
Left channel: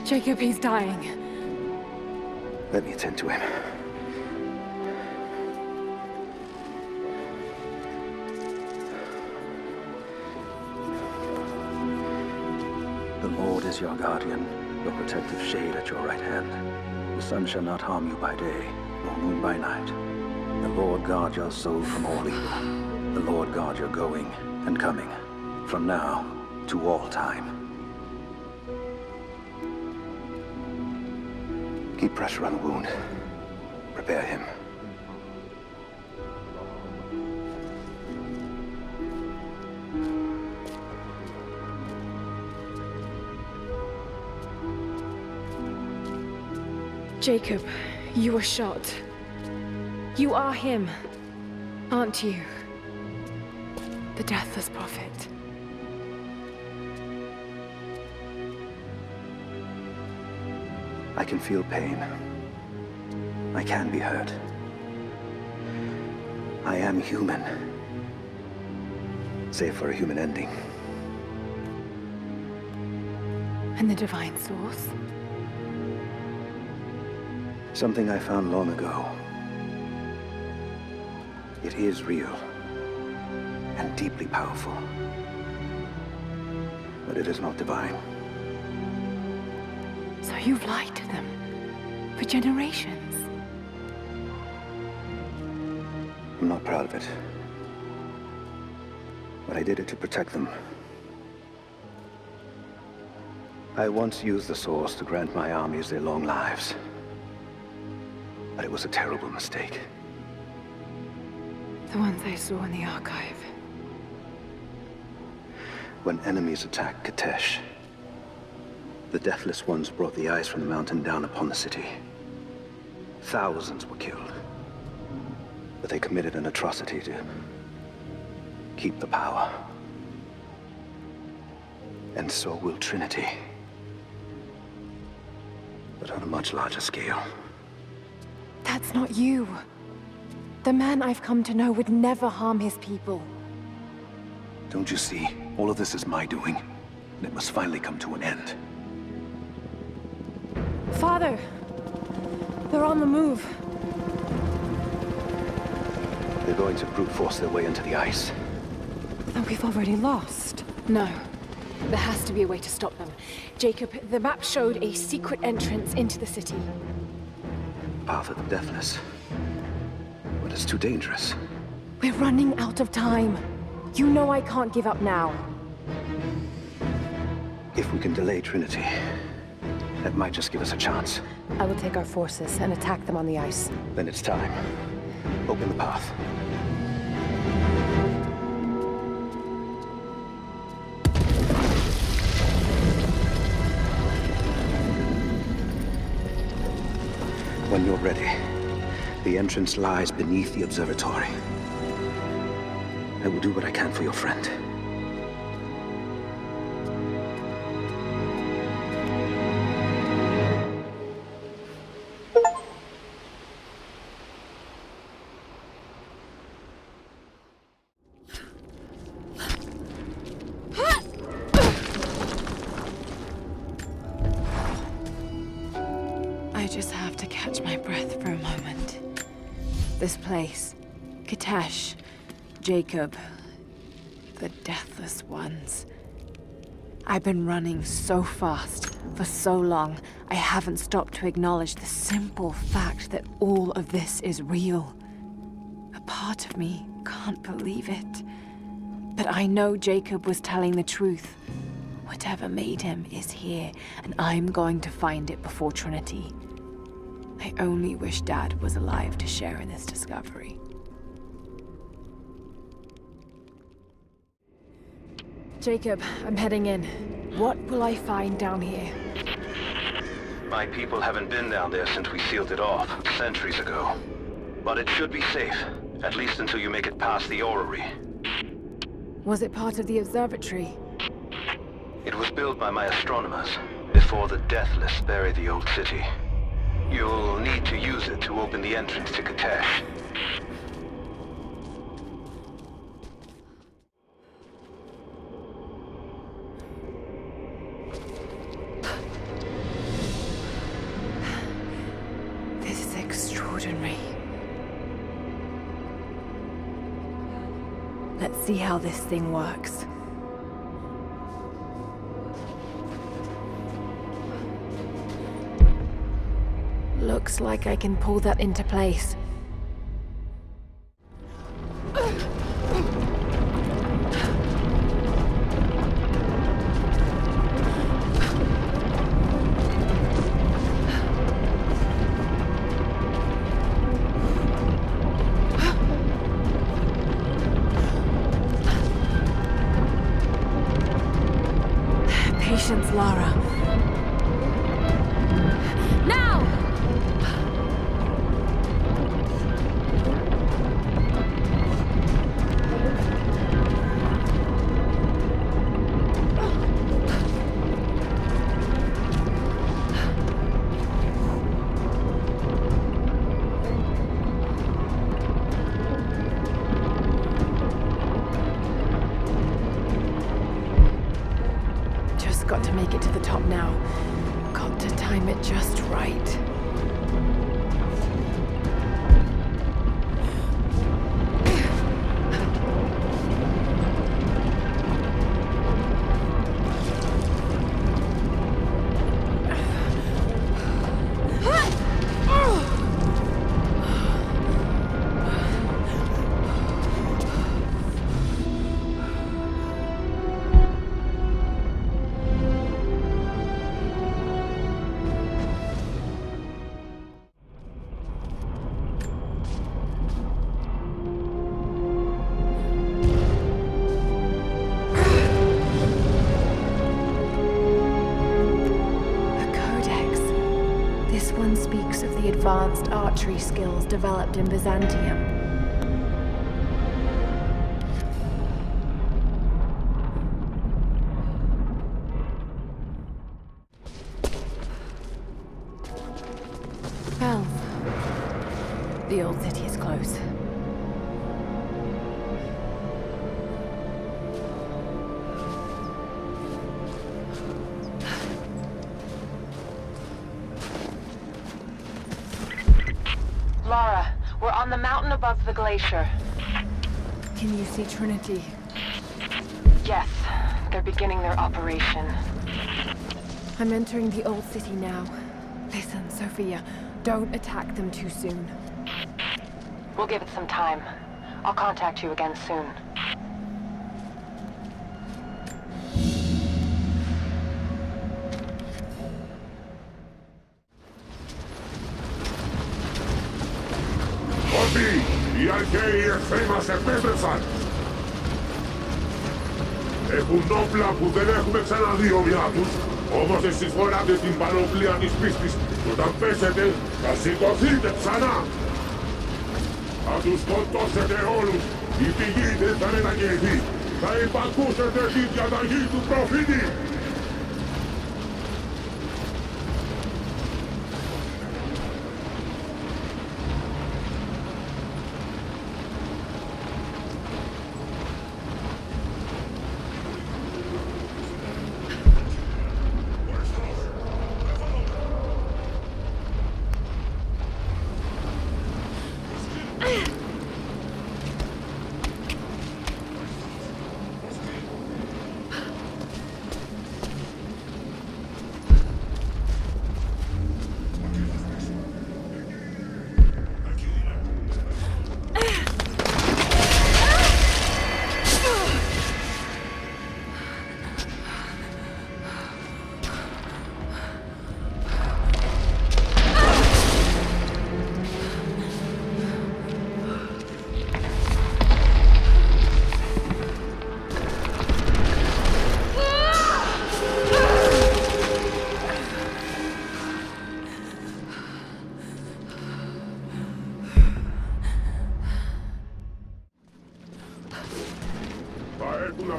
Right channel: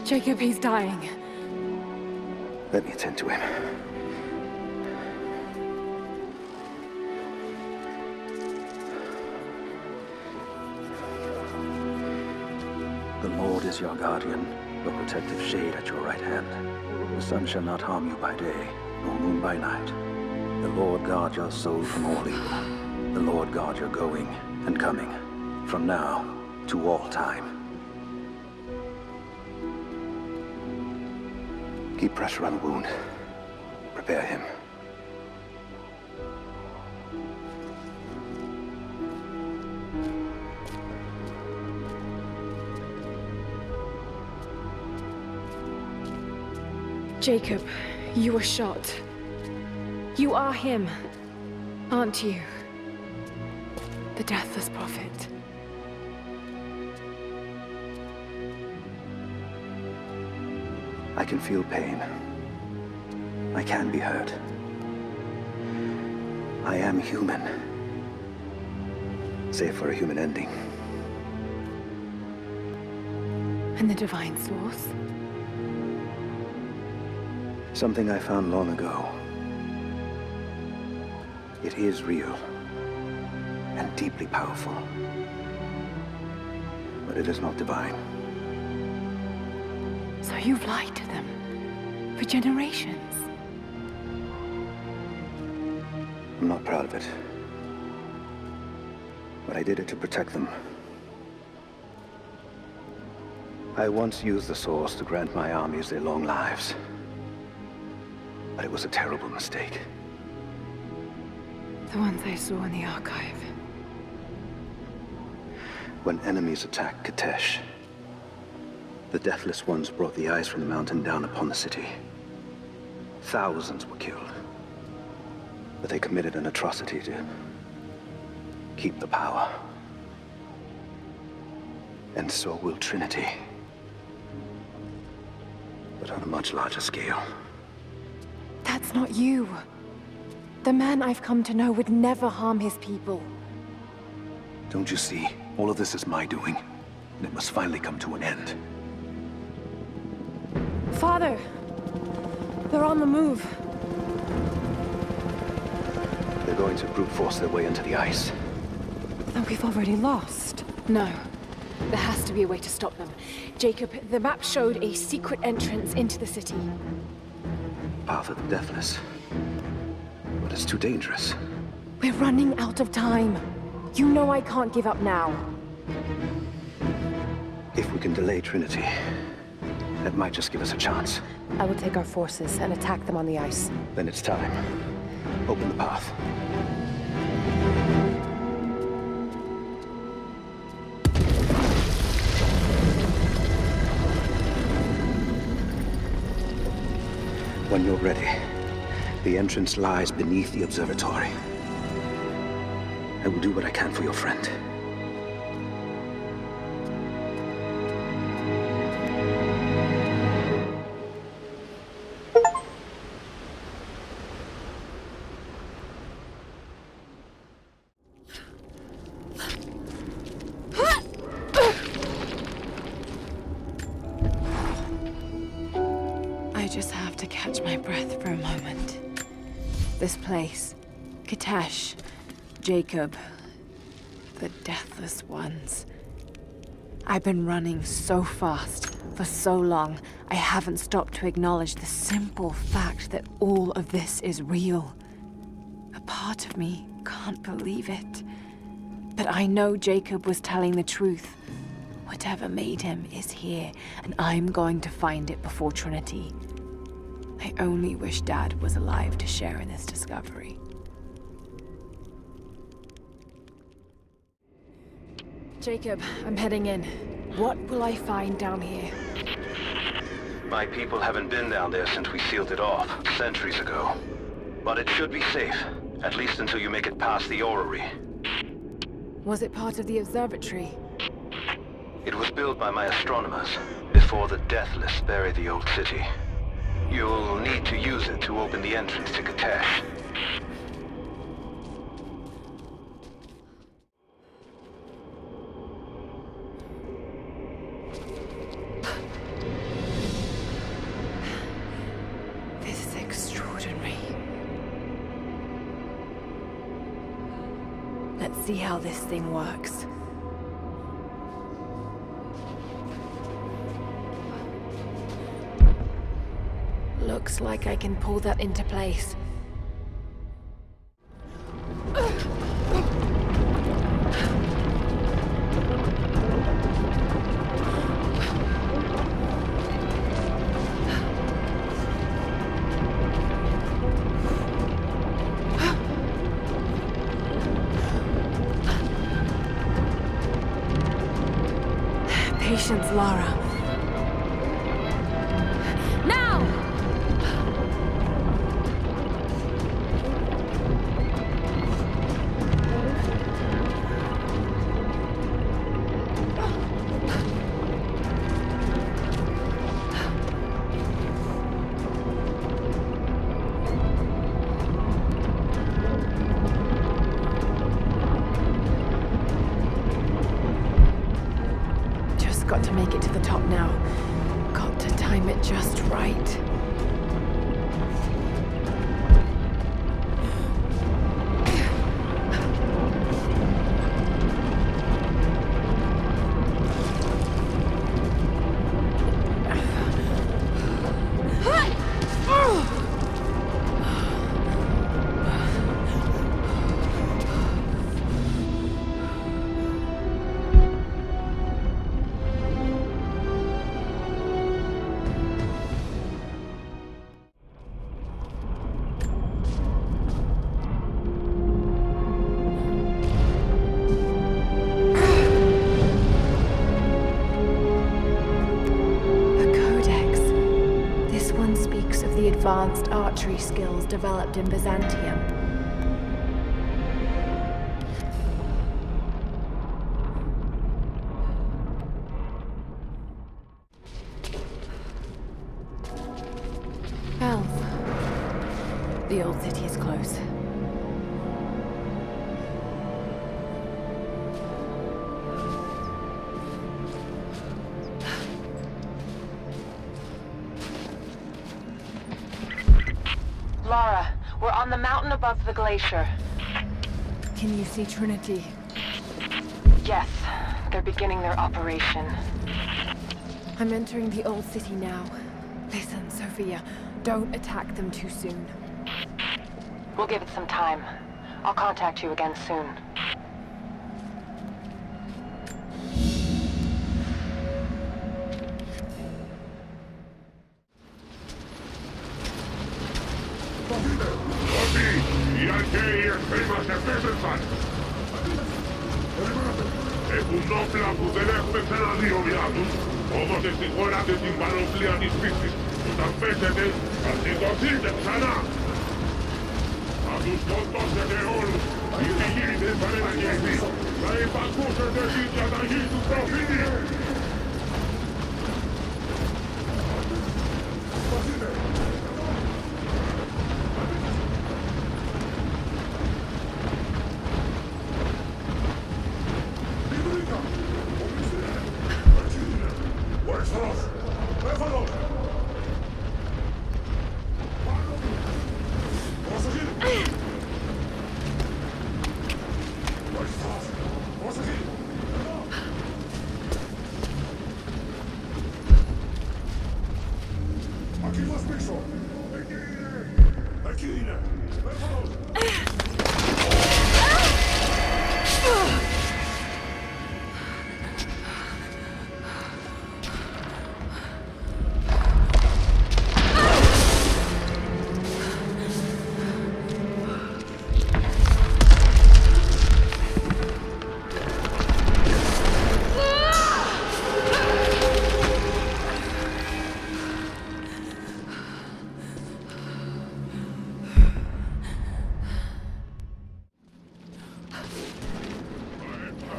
Jacob, he's dying. Let me attend to him. The Lord is your guardian, your protective shade at your right hand. The sun shall not harm you by day, nor moon by night. The Lord guard your soul from all evil. The Lord guard your going and coming, from now to all time. Keep pressure on the wound. Prepare him. Jacob, you were shot. You are him, aren't you? The Deathless Prophet. I can feel pain. I can be hurt. I am human. Save for a human ending. And the Divine Source? Something I found long ago. It is real. And deeply powerful. But it is not divine. So you've lied to them for generations. I'm not proud of it. But I did it to protect them. I once used the Source to grant my armies their long lives. But it was a terrible mistake. The ones I saw in the archive. When enemies attacked Katesh, the Deathless Ones brought the ice from the mountain down upon the city. Thousands were killed. But they committed an atrocity to keep the power. And so will Trinity. But on a much larger scale. That's not you. The man I've come to know would never harm his people. Don't you see? All of this is my doing. And it must finally come to an end. Father! They're on the move. They're going to brute force their way into the ice. Then we've already lost. No. There has to be a way to stop them. Jacob, the map showed a secret entrance into the city. Path of the Deathless. But it's too dangerous. We're running out of time. You know I can't give up now. If we can delay Trinity, that might just give us a chance. I will take our forces and attack them on the ice. Then it's time. Open the path. When you're ready, the entrance lies beneath the observatory. I will do what I can for your friend. I just have to catch my breath for a moment. This place, Katesh, Jacob, the Deathless Ones. I've been running so fast for so long, I haven't stopped to acknowledge the simple fact that all of this is real. A part of me can't believe it. But I know Jacob was telling the truth. Whatever made him is here, and I'm going to find it before Trinity. I only wish Dad was alive to share in this discovery. Jacob, I'm heading in. What will I find down here? My people haven't been down there since we sealed it off, centuries ago. But it should be safe, at least until you make it past the orrery. Was it part of the observatory? It was built by my astronomers, before the Deathless buried the old city. You'll need to use it to open the entrance to Katesh. This is extraordinary. Let's see how this thing works. Looks like I can pull that into place. Patience, Lara. Now! I've got to make it to the top now. Got to time it just right. This one speaks of the advanced archery skills developed in Byzantium. Bells. The old city is close. Lara, we're on the mountain above the glacier. Can you see Trinity? Yes, they're beginning their operation. I'm entering the old city now. Listen, Sophia, don't attack them too soon. We'll give it some time. I'll contact you again soon.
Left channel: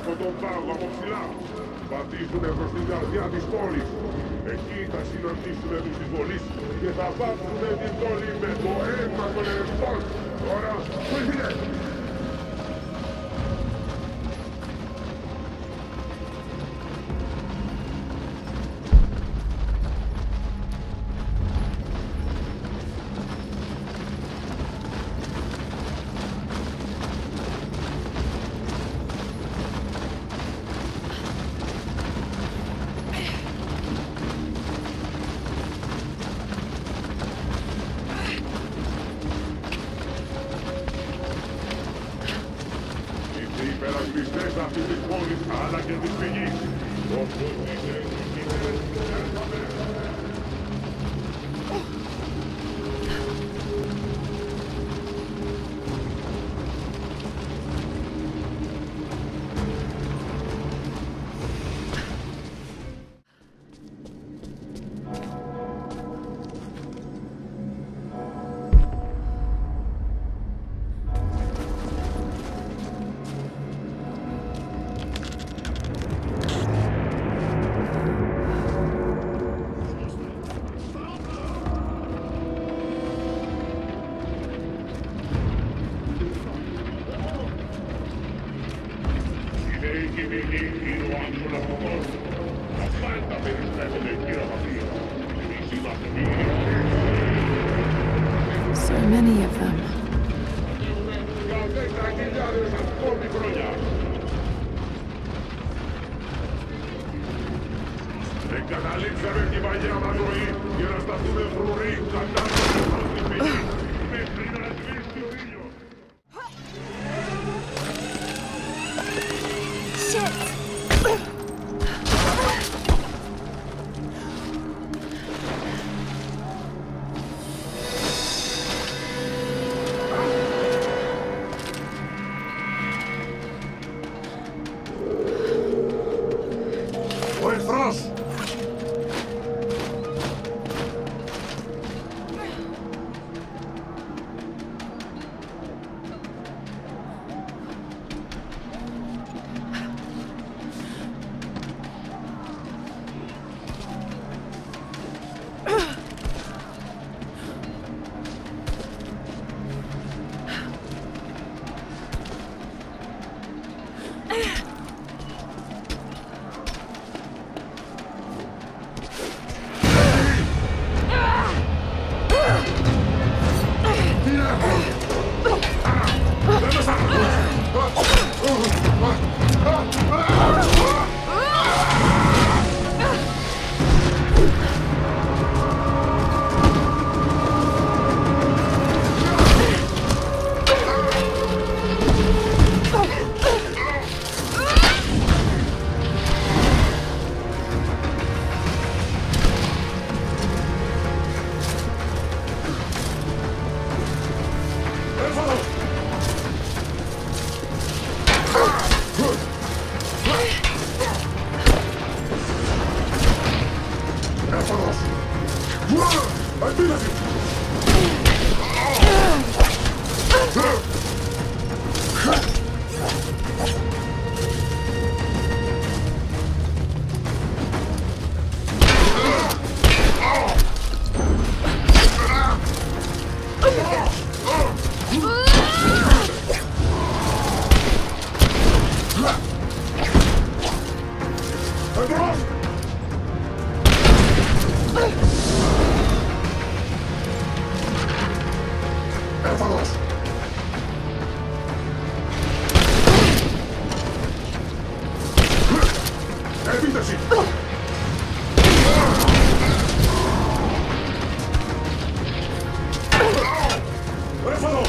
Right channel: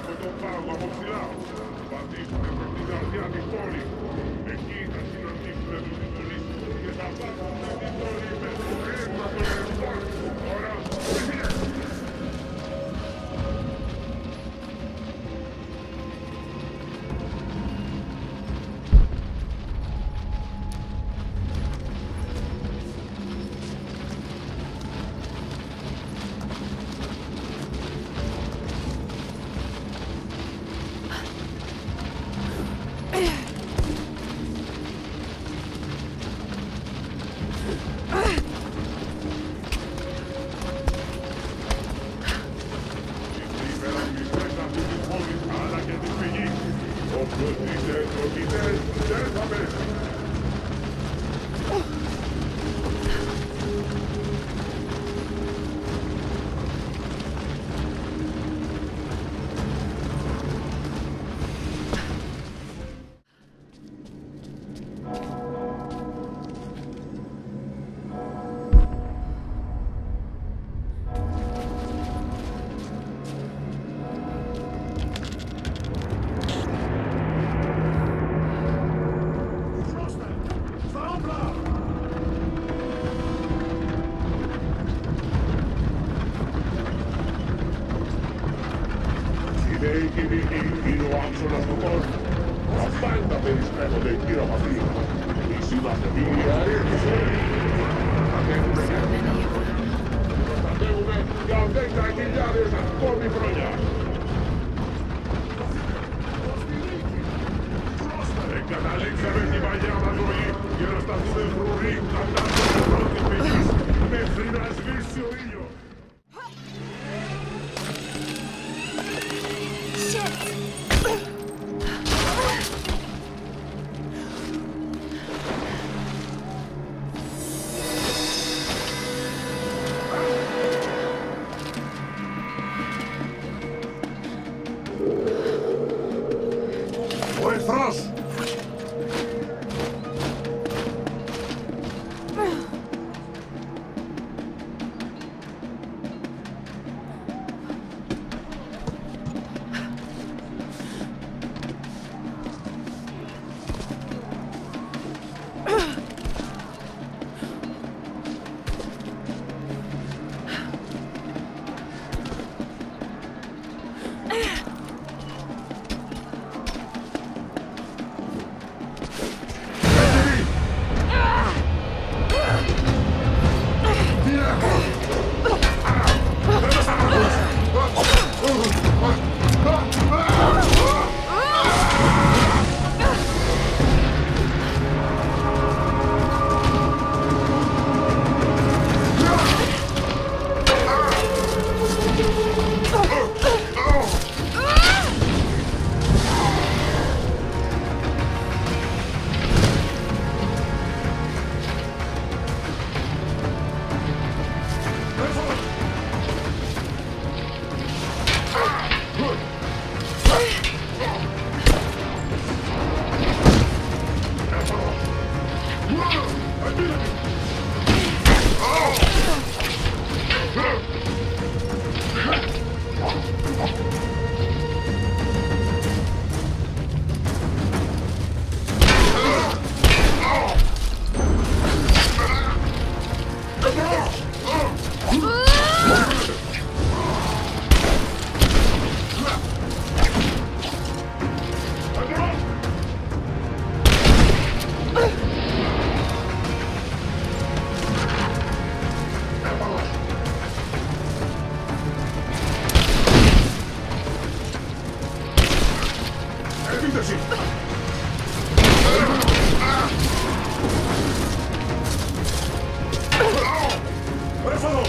Από τον πάγο από ψηλά. Πατήσουνε από την καρδιά της πόλης. Εκεί θα συναντήσουνε τους συμπολείς και θα βάψουνε την πόλη με το αίμα των υπερασπιστές αυτής της πόλης αλλά και της πηγής. Όποιος είναι ευλογητές δεν θα μέσα. So many of them. Για 10.000 ακόμη χρόνια. Εγκαταλείψαμε την παλιά μας ζωή για να σταθούμε φρουροί κατά των Ο εχθρός! Τι έχω! Δεν με σταματάς! Έφοδο! Επίθεση! Έφοδο!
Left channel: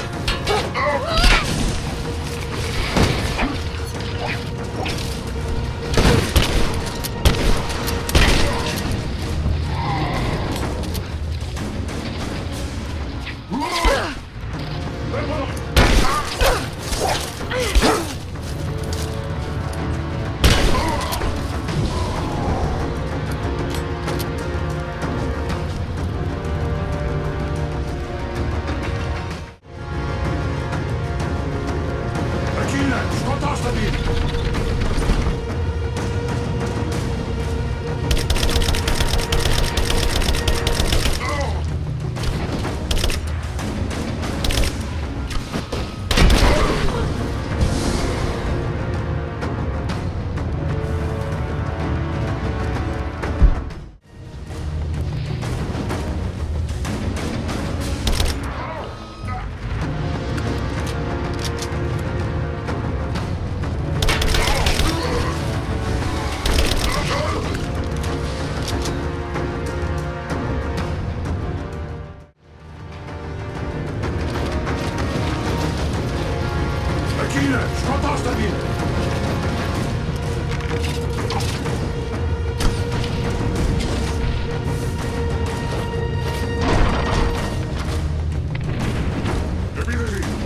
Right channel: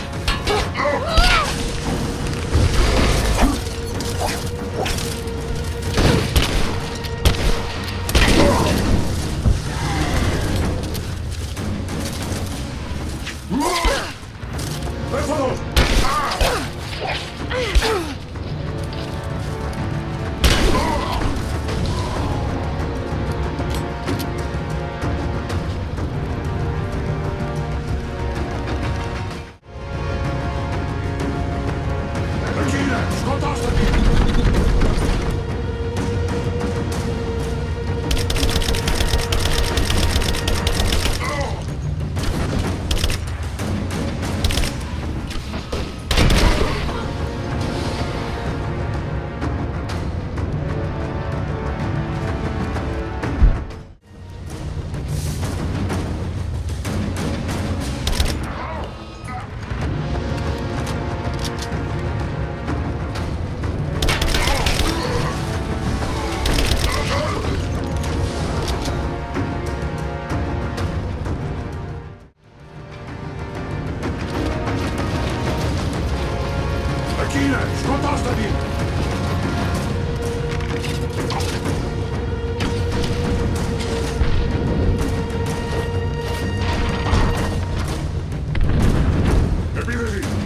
Εκεί είναι! Σκοτώστε την! Εκεί είναι! Σκοτώστε την! Επίθεση!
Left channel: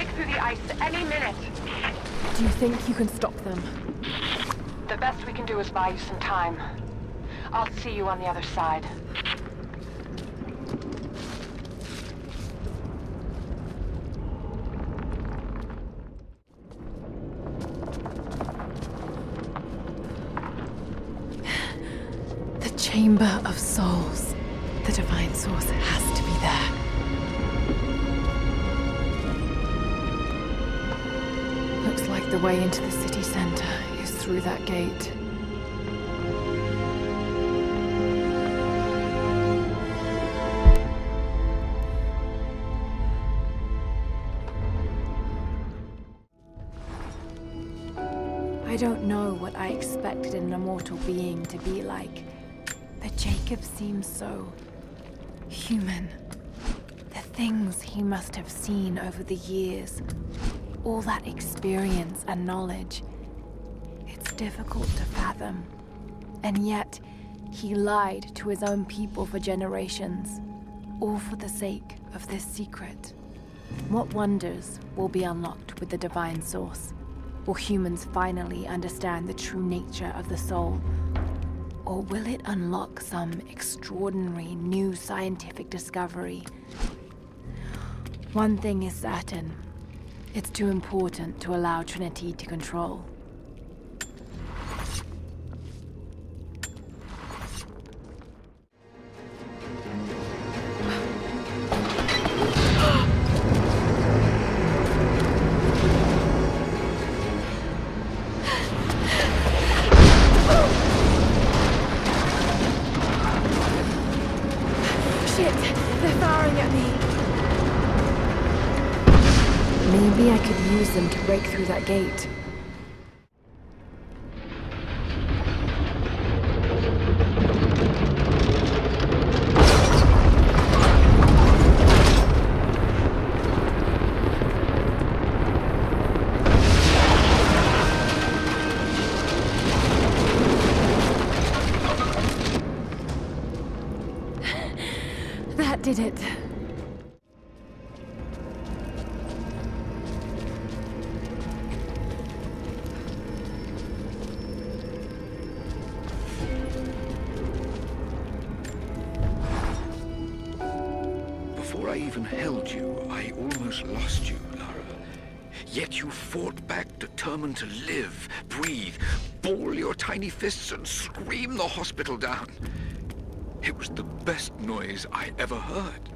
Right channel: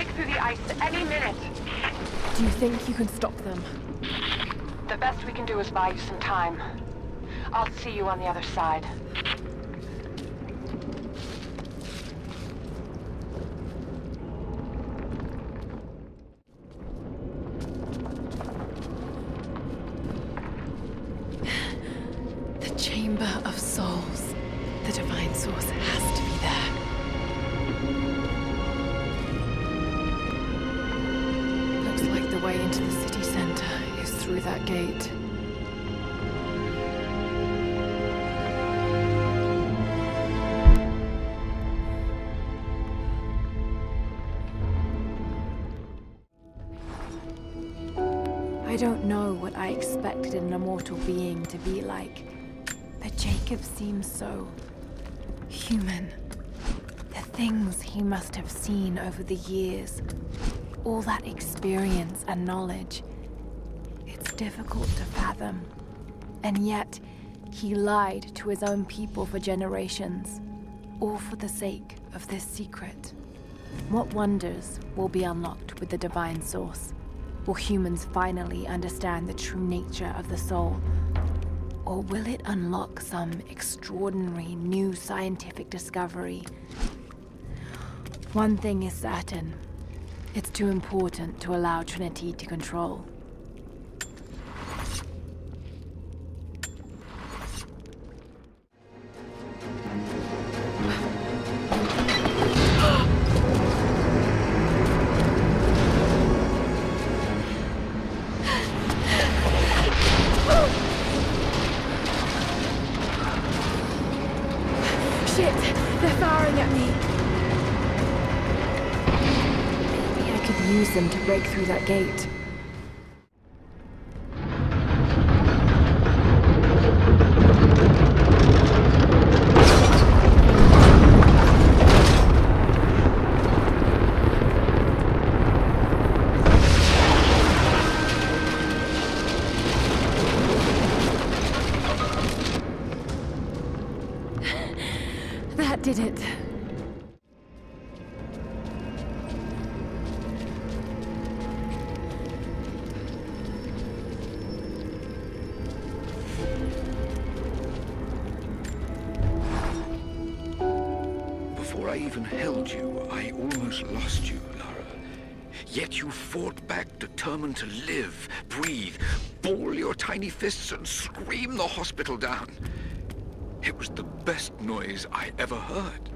break through the ice any minute. Do you think you can stop them? The best we can do is buy you some time. I'll see you on the other side. The Chamber of Souls. The Divine Source has to be there. Looks like the way into the city center is through that gate. I don't know what I expected an immortal being to be like, but Jacob seems so human. The things he must have seen over the years, all that experience and knowledge, it's difficult to fathom. And yet, he lied to his own people for generations, all for the sake of this secret. What wonders will be unlocked with the Divine Source? Will humans finally understand the true nature of the soul? Or will it unlock some extraordinary new scientific discovery? One thing is certain. It's too important to allow Trinity to control. Shit! They're firing at me! Maybe I could use them to break through that gate. That did it. Before I even held you, I almost lost you, Lara. Yet you fought back, determined to live, breathe, ball your tiny fists and scream the hospital down. It was the best noise I ever heard.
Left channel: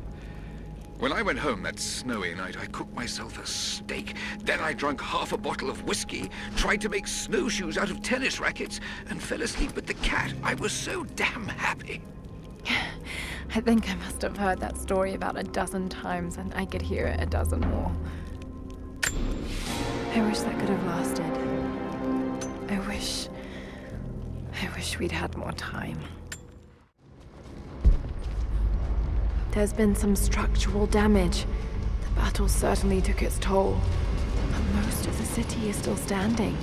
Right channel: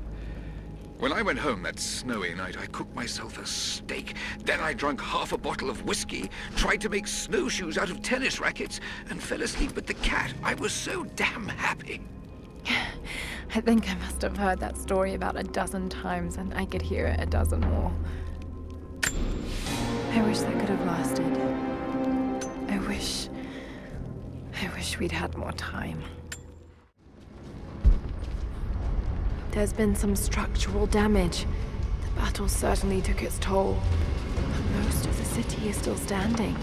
When I went home that snowy night, I cooked myself a steak. Then I drank half a bottle of whiskey, tried to make snowshoes out of tennis rackets, and fell asleep with the cat. I was so damn happy. I think I must have heard that story about 12 times, and I could hear it 12 more. I wish that could have lasted. I wish we'd had more time. There's been some structural damage. The battle certainly took its toll, but most of the city is still standing.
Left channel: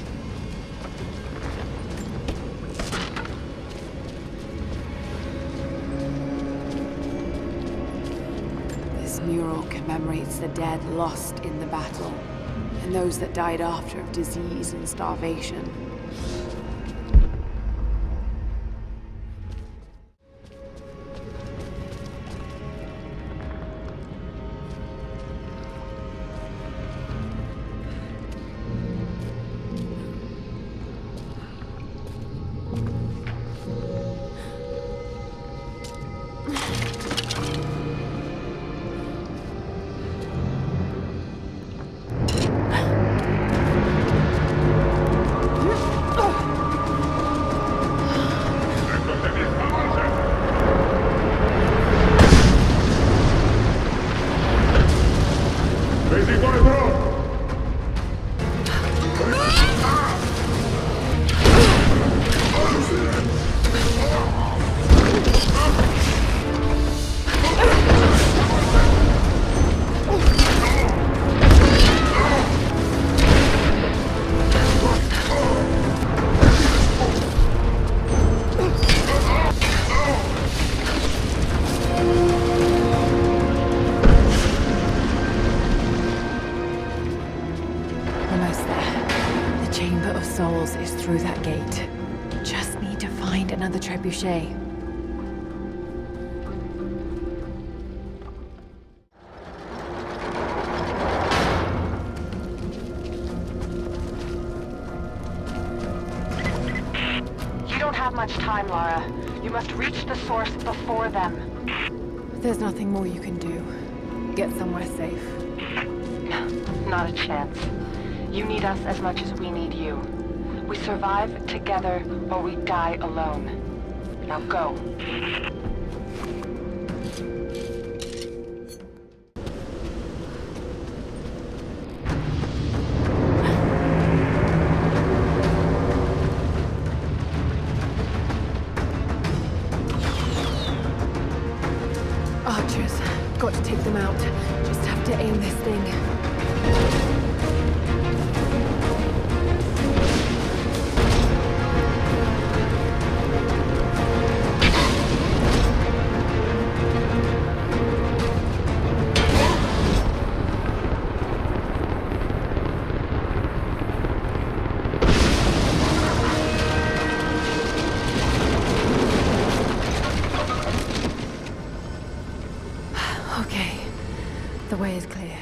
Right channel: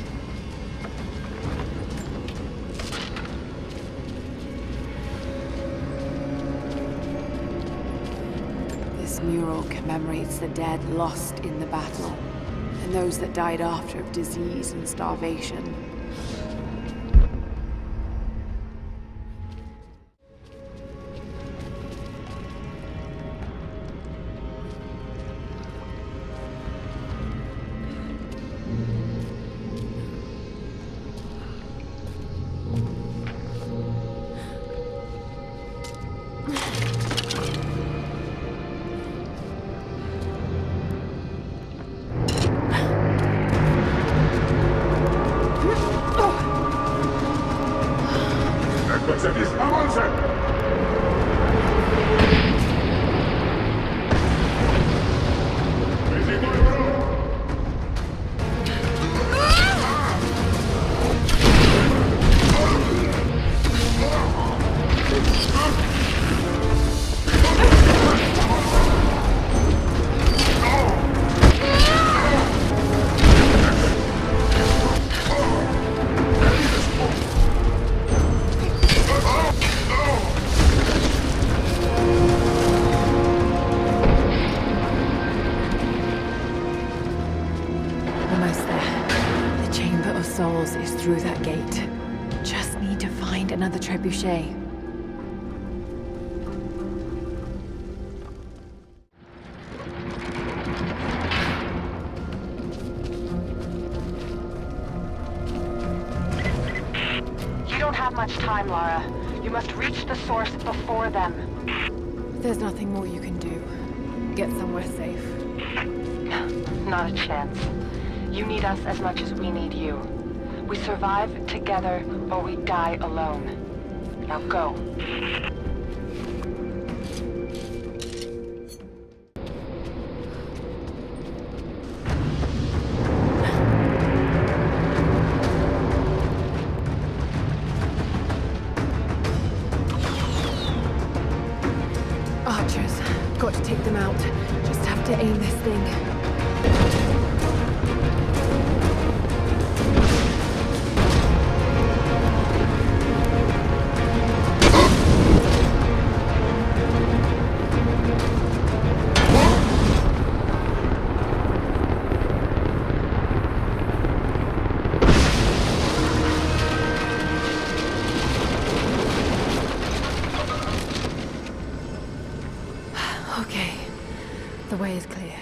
This mural commemorates the dead lost in the battle, and those that died after of disease and starvation. Basic boy, bro! Almost there. The Chamber of Souls is through that gate. Just need to find another trebuchet. You don't have much time, Lara. You must reach the source before them. There's nothing more you can do. Get somewhere safe. Not a chance. You need us as much as we need you. We survive together, or we die alone. Now go. Archers. Got to take them out. Just have to aim this thing. Okay. The way is clear.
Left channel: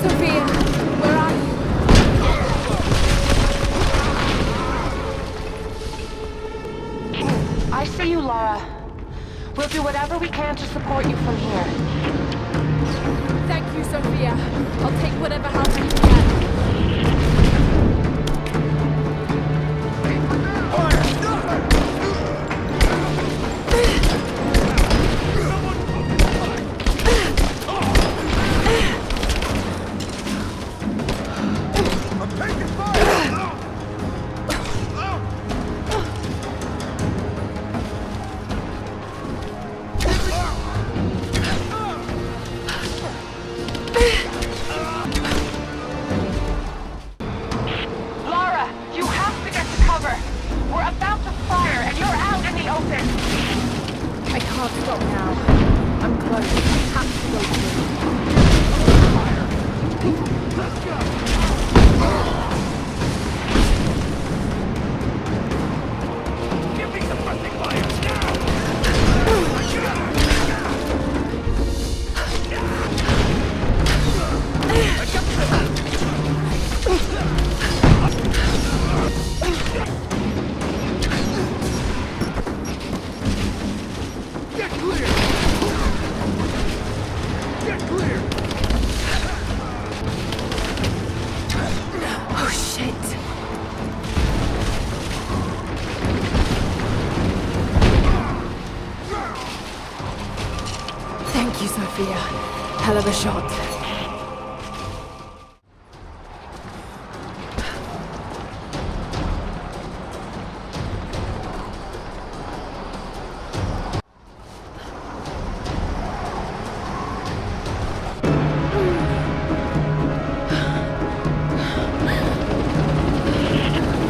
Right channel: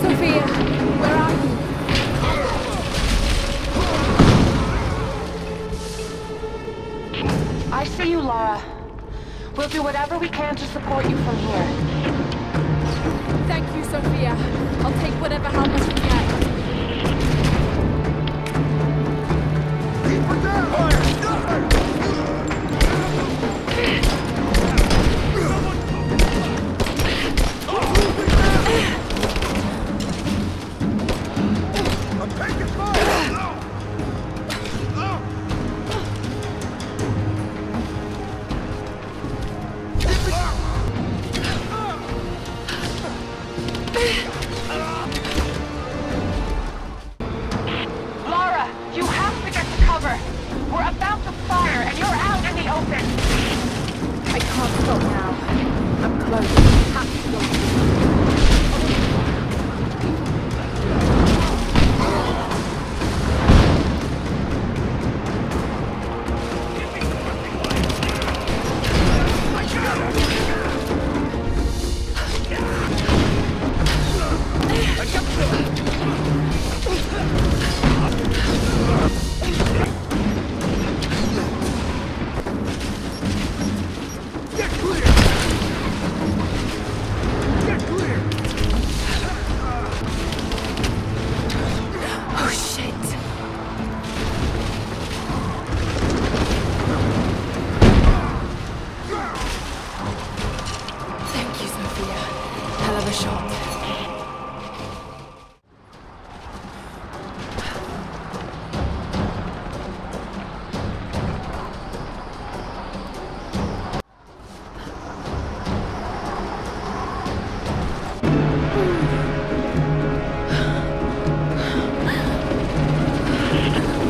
Sophia, where are you? I see you, Lara. We'll do whatever we can to support you from here. Thank you, Sophia. I'll take whatever help I can get. I'm taking fire! Lara, you have to get to cover. We're about to fire, and you're out in the open. I can't stop now. I'm close. I have to go through. Let's go! Give me suppressing fire, now! I got it! I got Get clear! Get clear! Oh, shit. Thank you, Sophia. Hell of a shot.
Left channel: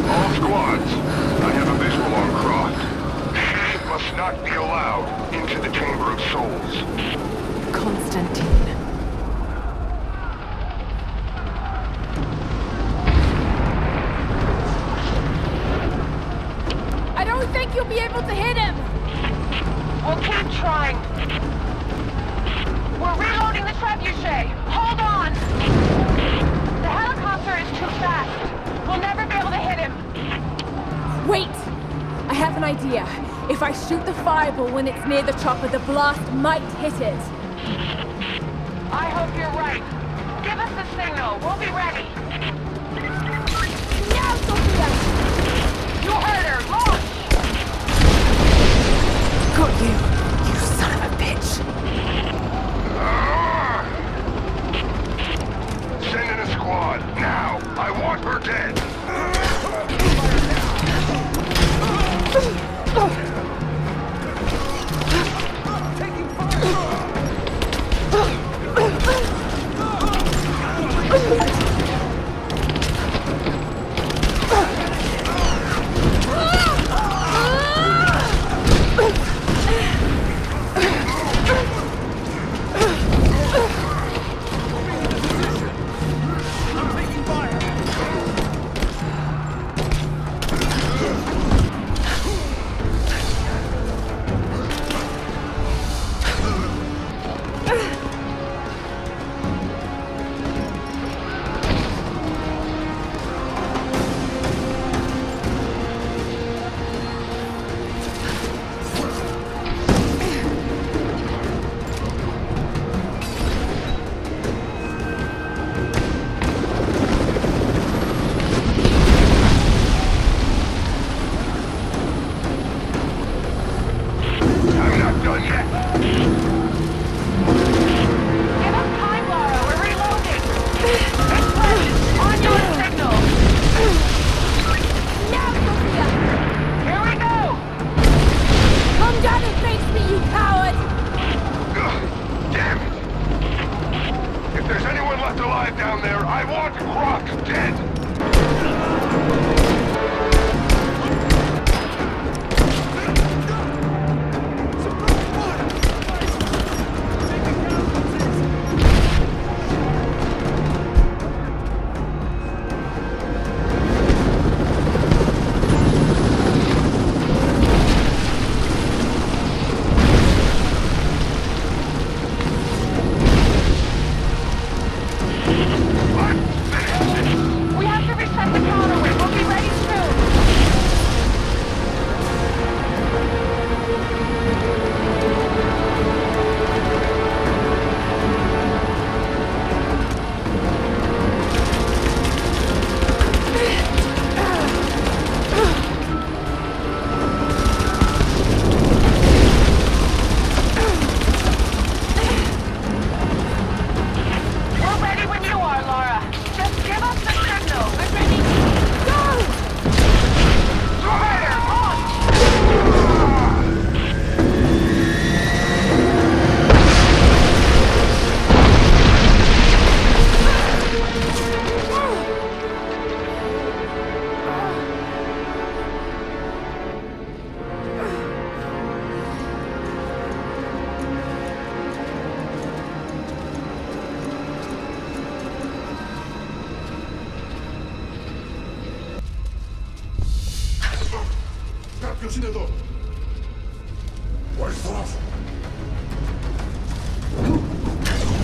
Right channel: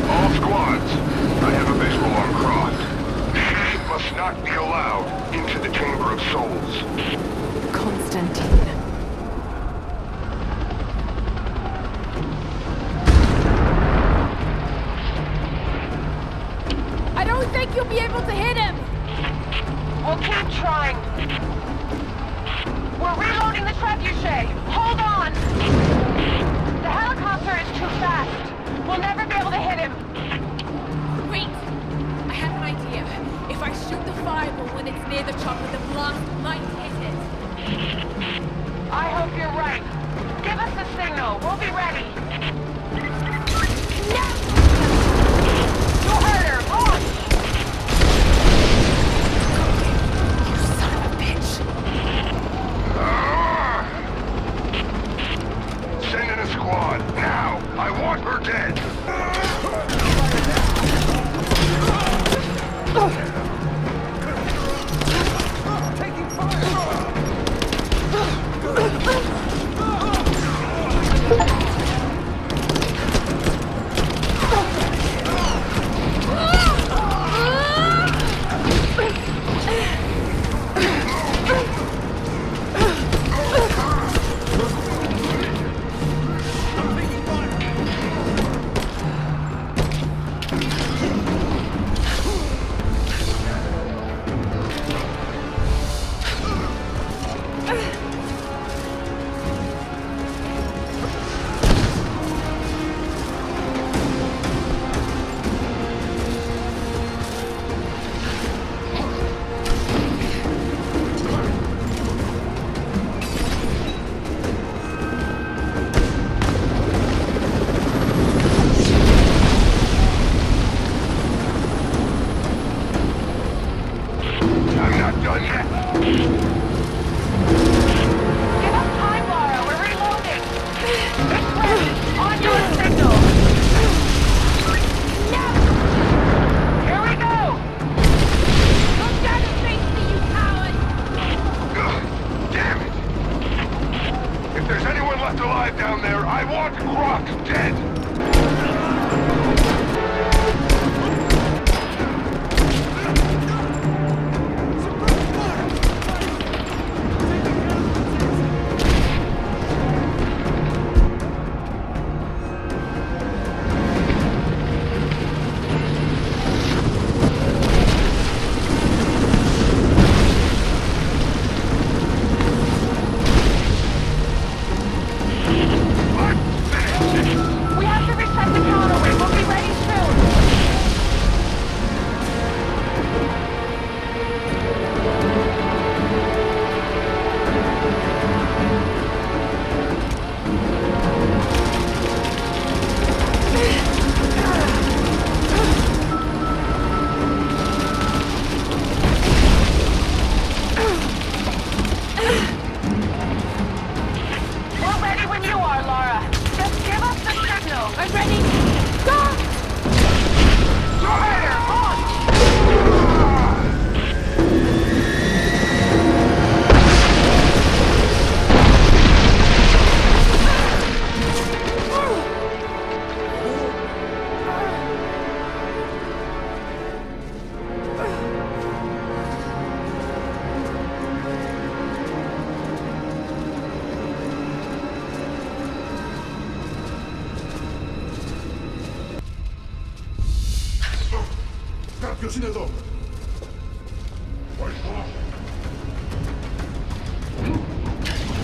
All squads, I have a visual on Croft. She must not be allowed into the Chamber of Souls. Constantine. I don't think you'll be able to hit him! We'll keep trying. We're reloading the trebuchet. Hold on! The helicopter is too fast. We'll never be able to hit him. Wait! I have an idea. If I shoot the fireball when it's near the chopper, the blast might hit it. I hope you're right. Give us the signal. We'll be ready. Now, Sophia! You heard her. Launch! Got you, you son of a bitch. Send in a squad, now! I want her dead! Fire now! Taking fire! I'm taking fire! I'm not done yet! Give us time, Lara. We're reloading. It's ready. On your signal. Now, Sophia! Here we go. Come down and face me, you coward! Ugh, damn it! If there's anyone left alive down there, I want Croft dead! We have to reset the counterweight. We'll be ready soon. We're ready when you are, Lara. Just give us the signal. I'm ready. Go! Rider, launch! Κάποιος είναι εδώ.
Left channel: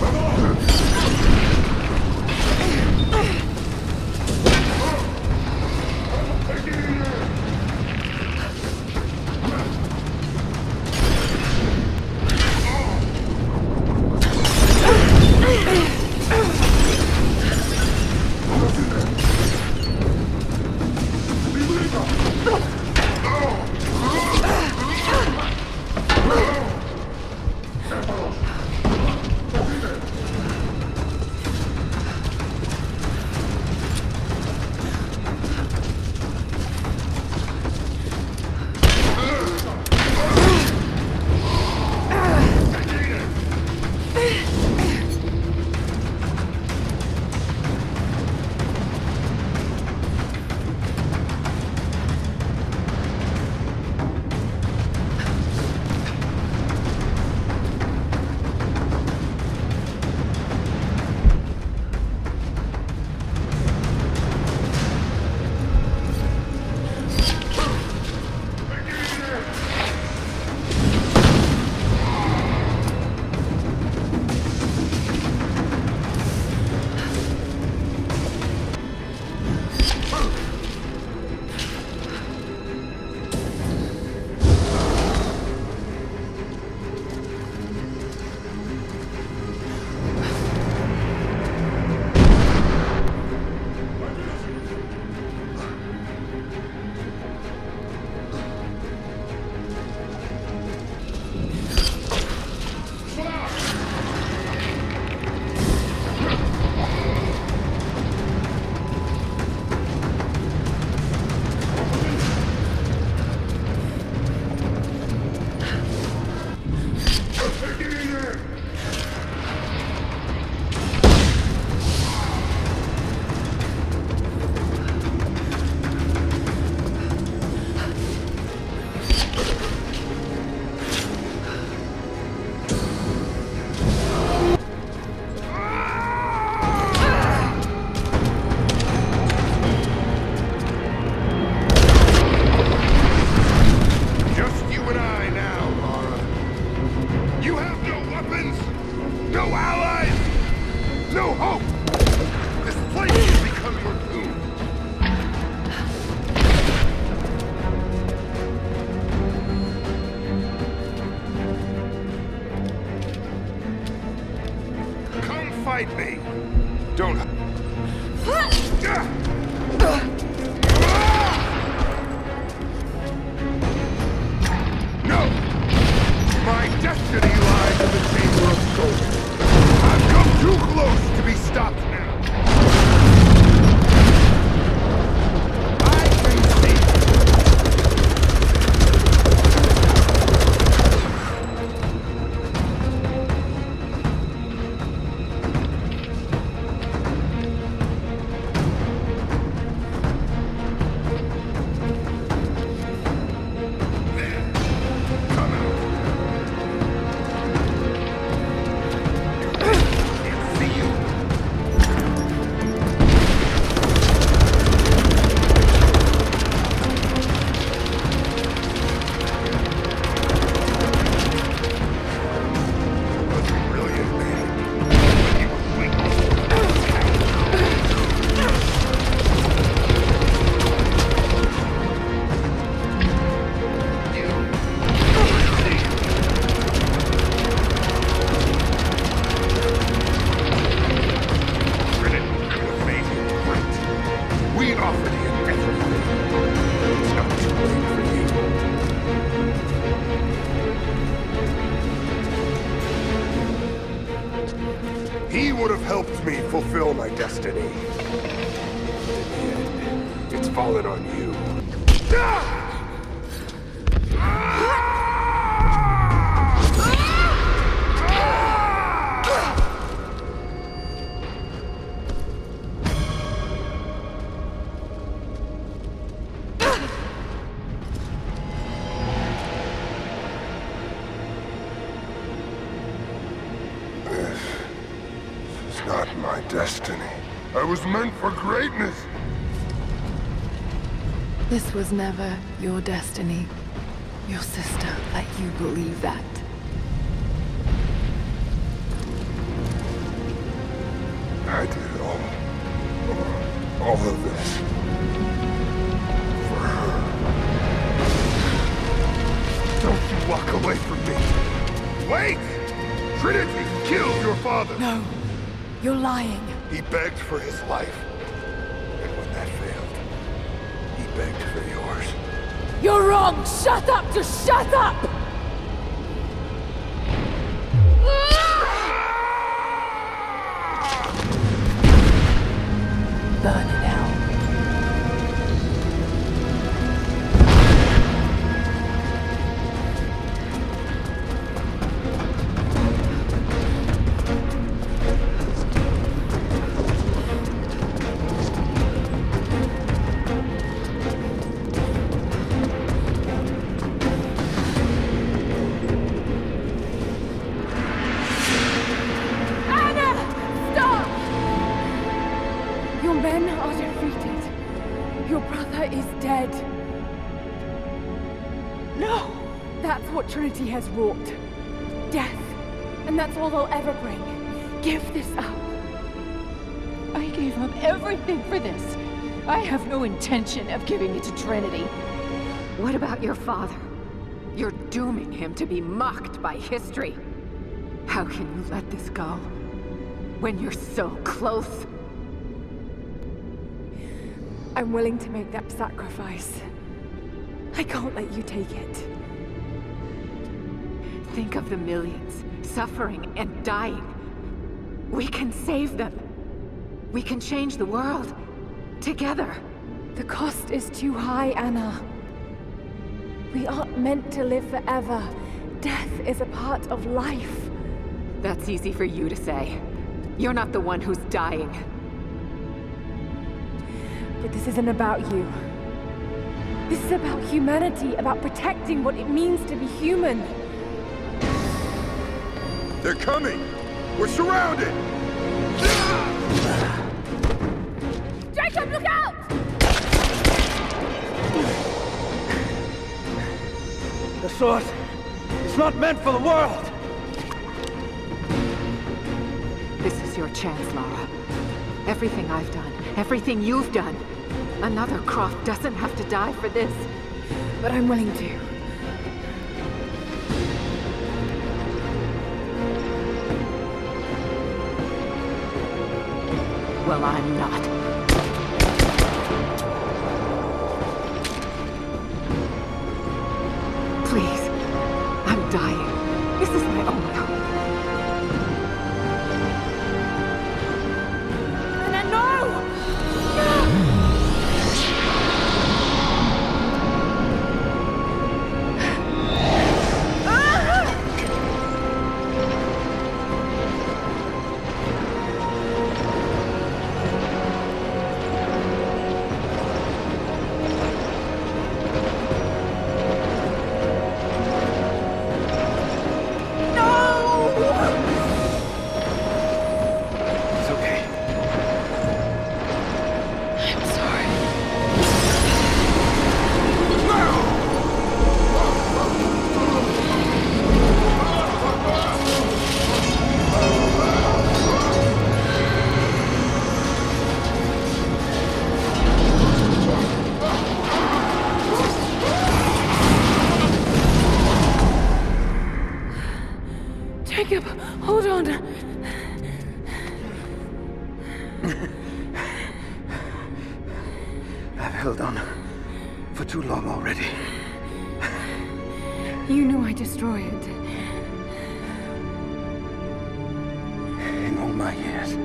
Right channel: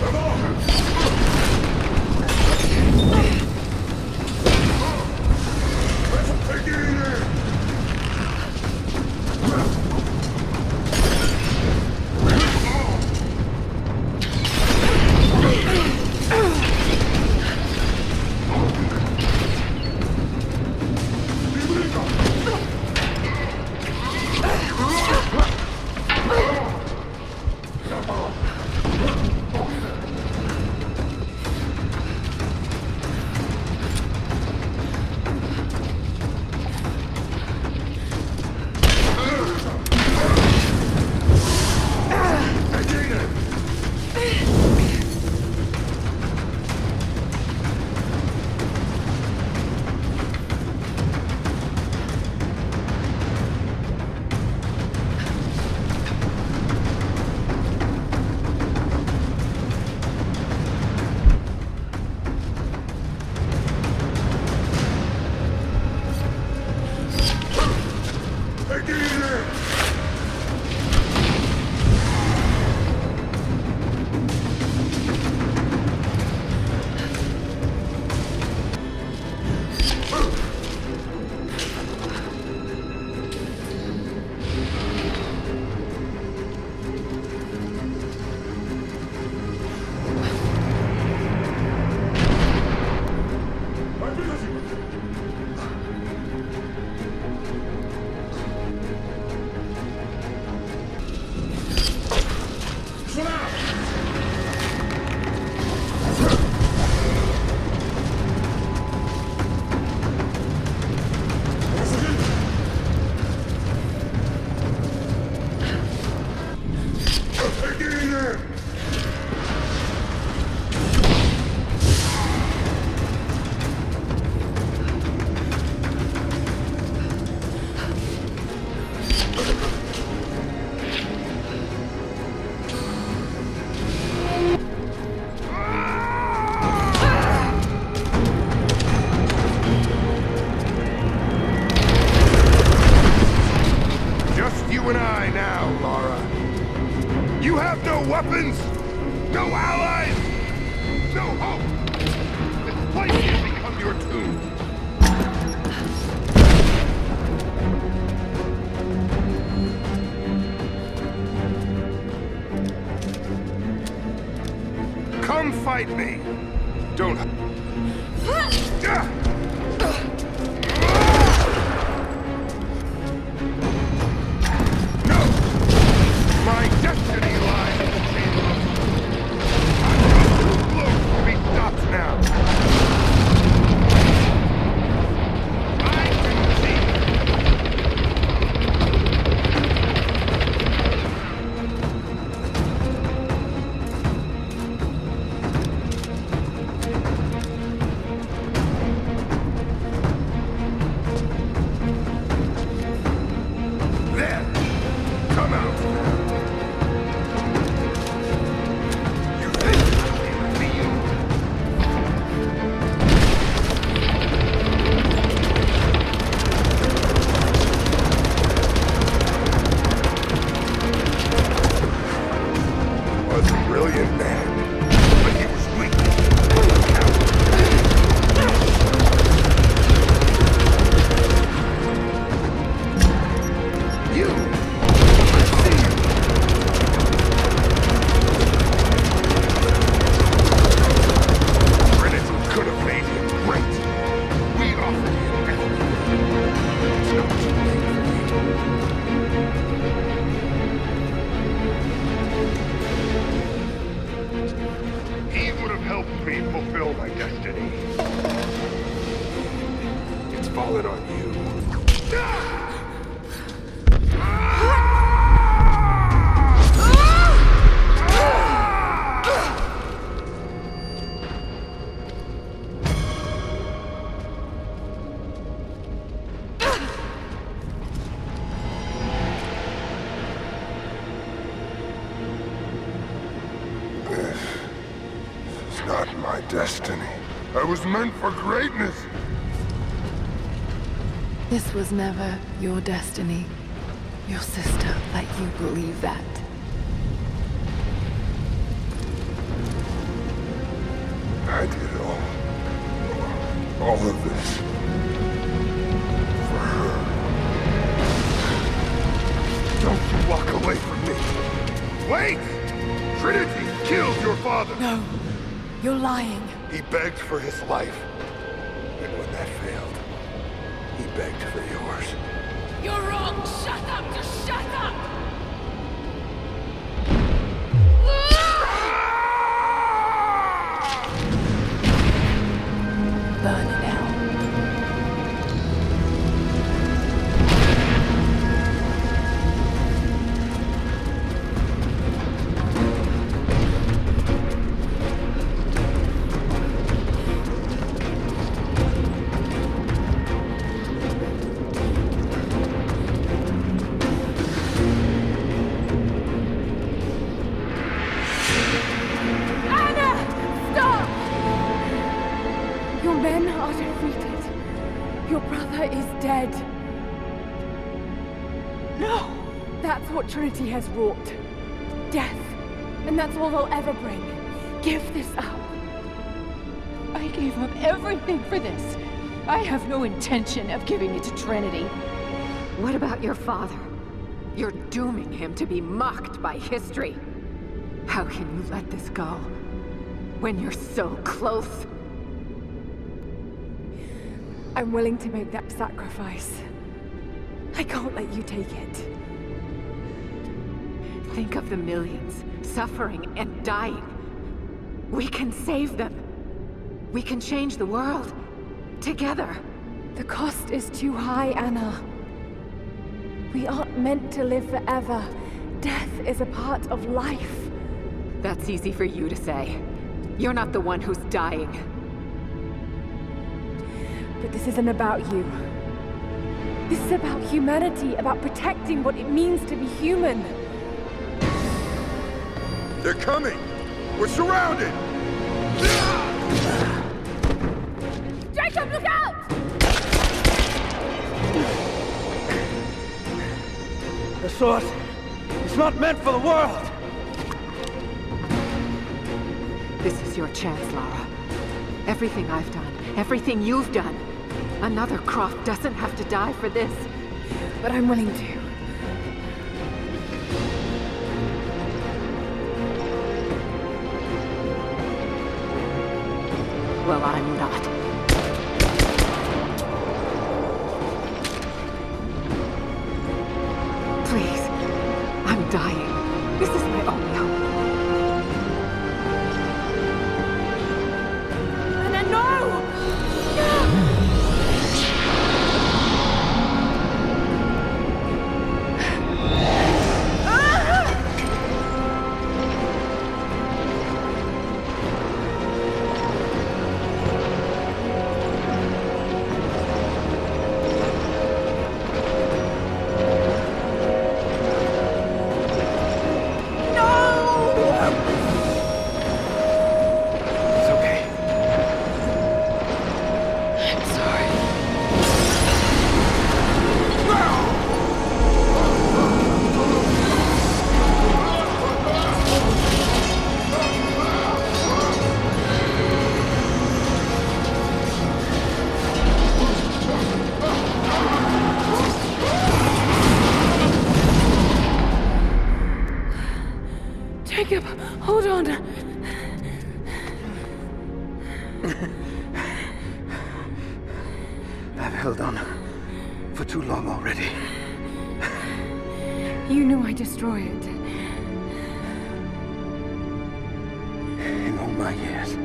Εδώ! Τι βρήκα! Επίδοση! Just you and I now, Lara. You have no weapons, no allies, no hope. This place will become your tomb. Come fight me. Don't. No! My destiny lies in the Chamber of Souls. Too close to be stopped now. We offered him everything. It's not too late for you. He would have helped me fulfill my destiny. But in the end, it's fallen on you. This is not my destiny. I was meant for greatness. This was never your destiny. Your sister let you believe that. I did all of this for her. Don't you walk away from me. Wait! Trinity killed your father! No, you're lying. He begged for his life. And when that failed, he begged for yours. You're wrong! Shut up! Just shut up! Burn in hell. Your men are defeated. Your brother is dead. No! That's what Trinity has wrought. Death. And that's all they'll ever bring. Give this up. I gave up everything for this. I have no intention of giving it to Trinity. What about your father? You're dooming him to be mocked by history. How can you let this go? When you're so close? I'm willing to make that sacrifice. I can't let you take it. Think of the millions suffering and dying. We can save them. We can change the world. Together. The cost is too high, Anna. We aren't meant to live forever. Death is a part of life. That's easy for you to say. You're not the one who's dying. But this isn't about you. This is about humanity, about protecting what it means to be human. They're coming! We're surrounded! Jacob, look out! The sword is not meant for the world! This is your chance, Lara. Everything I've done, everything you've done. Another Croft doesn't have to die for this. But I'm willing to. Well, I'm not. Please. I'm dying. This is my only hope. Anna, no! Jacob, hold on. I've held on for too long already. You knew I'd destroy it. In all my years,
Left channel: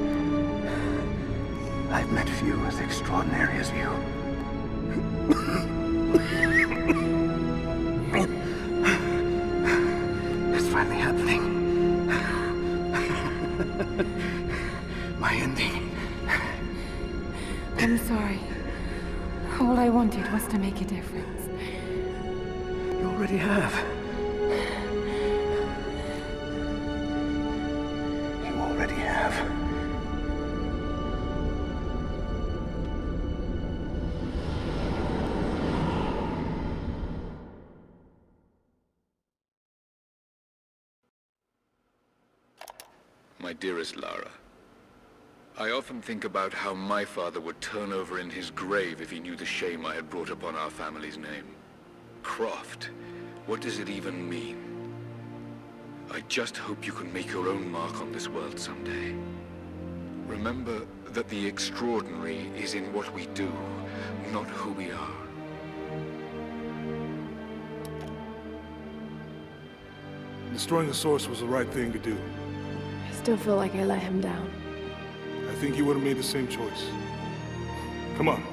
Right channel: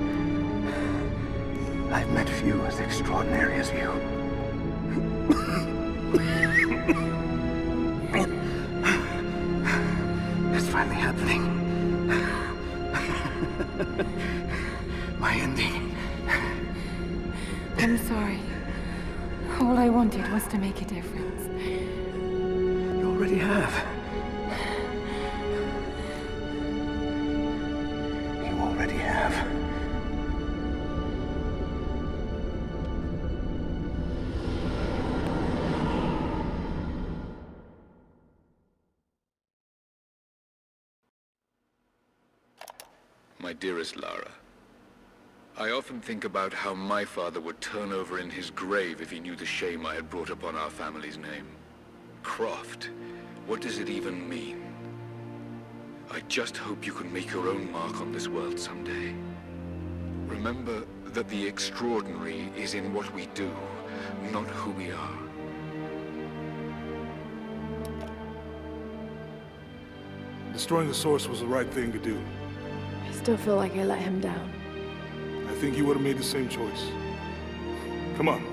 I've met few as extraordinary as you. It's finally happening. My ending. I'm sorry. All I wanted was to make a difference. You already have. You already have. My dearest Lara, I often think about how my father would turn over in his grave if he knew the shame I had brought upon our family's name. Croft, what does it even mean? I just hope you can make your own mark on this world someday. Remember that the extraordinary is in what we do, not who we are. Destroying the source was the right thing to do. I still feel like I let him down. I think you would have made the same choice. Come on.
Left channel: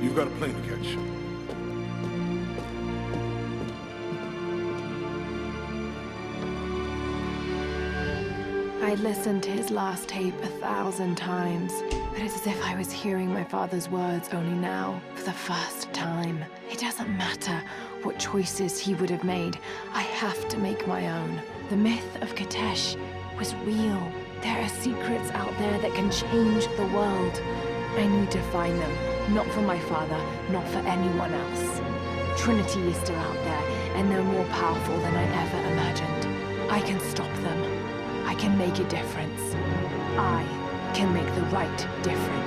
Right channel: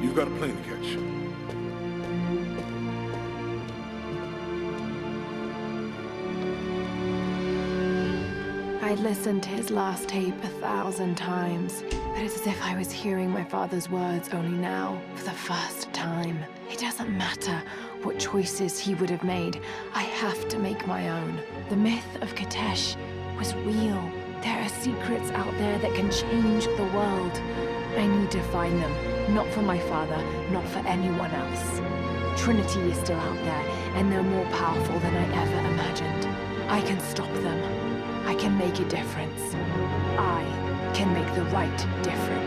You've got a plane to catch. I'd listened to his last tape 1,000 times, but it's as if I was hearing my father's words only now, for the first time. It doesn't matter what choices he would have made. I have to make my own. The myth of Katesh was real. There are secrets out there that can change the world. I need to find them, not for my father, not for anyone else. Trinity is still out there, and they're more powerful than I ever imagined. I can stop them. I can make a difference. I can make the right difference.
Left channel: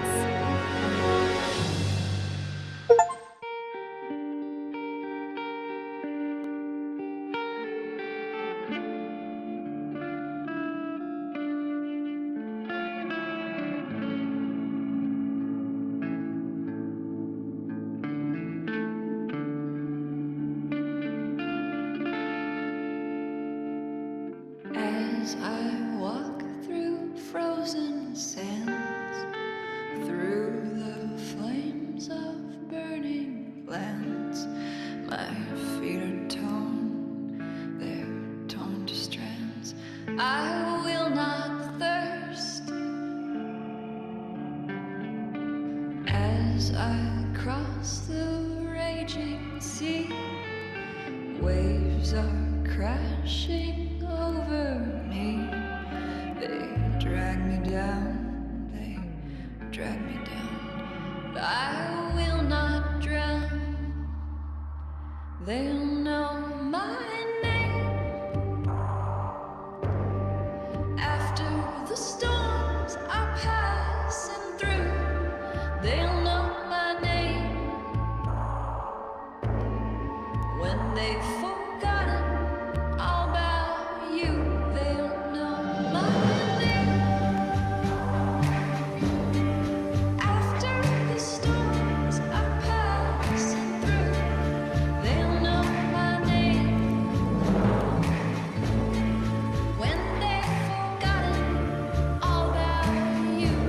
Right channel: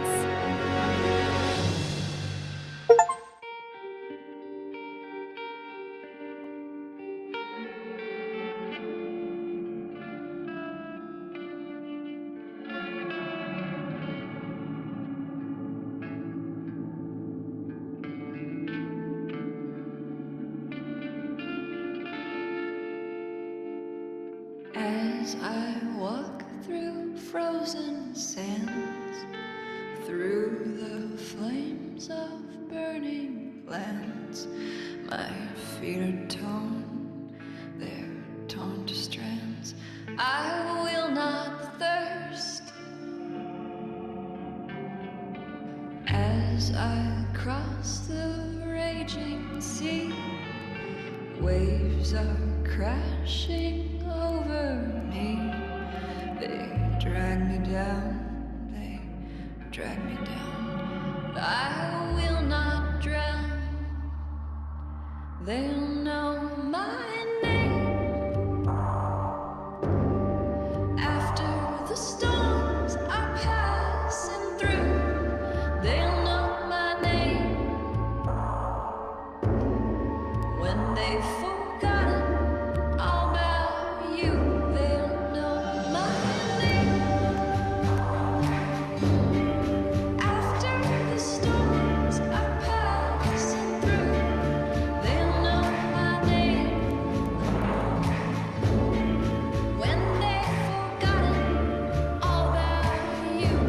As I walk through frozen sands, through the flames of burning lands, my feet are torn, they're torn to strands. I will not thirst. As I cross the raging sea, waves are crashing over me. They drag me down, they drag me down, but I will not drown. They'll know my name. After the storms are passing through, they'll know my name. When they've forgotten all about you, they'll know my name. After the storms are passing through, they'll know my name. When they've forgotten all about you,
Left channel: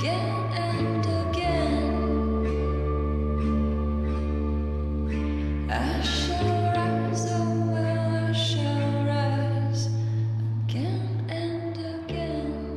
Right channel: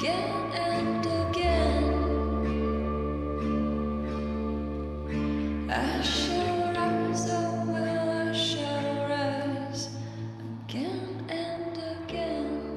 again and again. I shall rise, oh well, I shall rise again and again.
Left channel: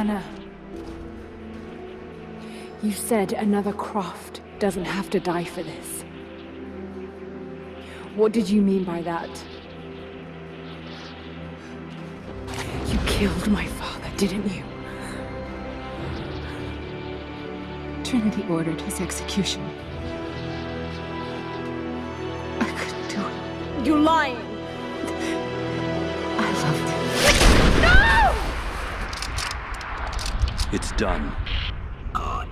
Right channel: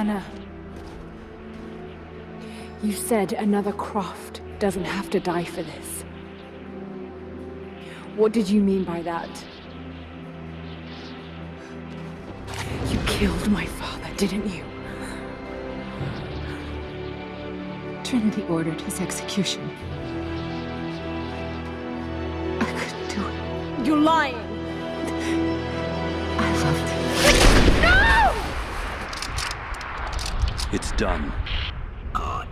Anna, you said another Croft doesn't have to die for this. What did you mean by that? You killed my father, didn't you? Trinity ordered his execution. I couldn't do it. You're lying! I loved him. No! It's done. Good.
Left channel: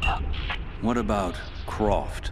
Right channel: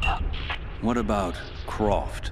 What about Croft?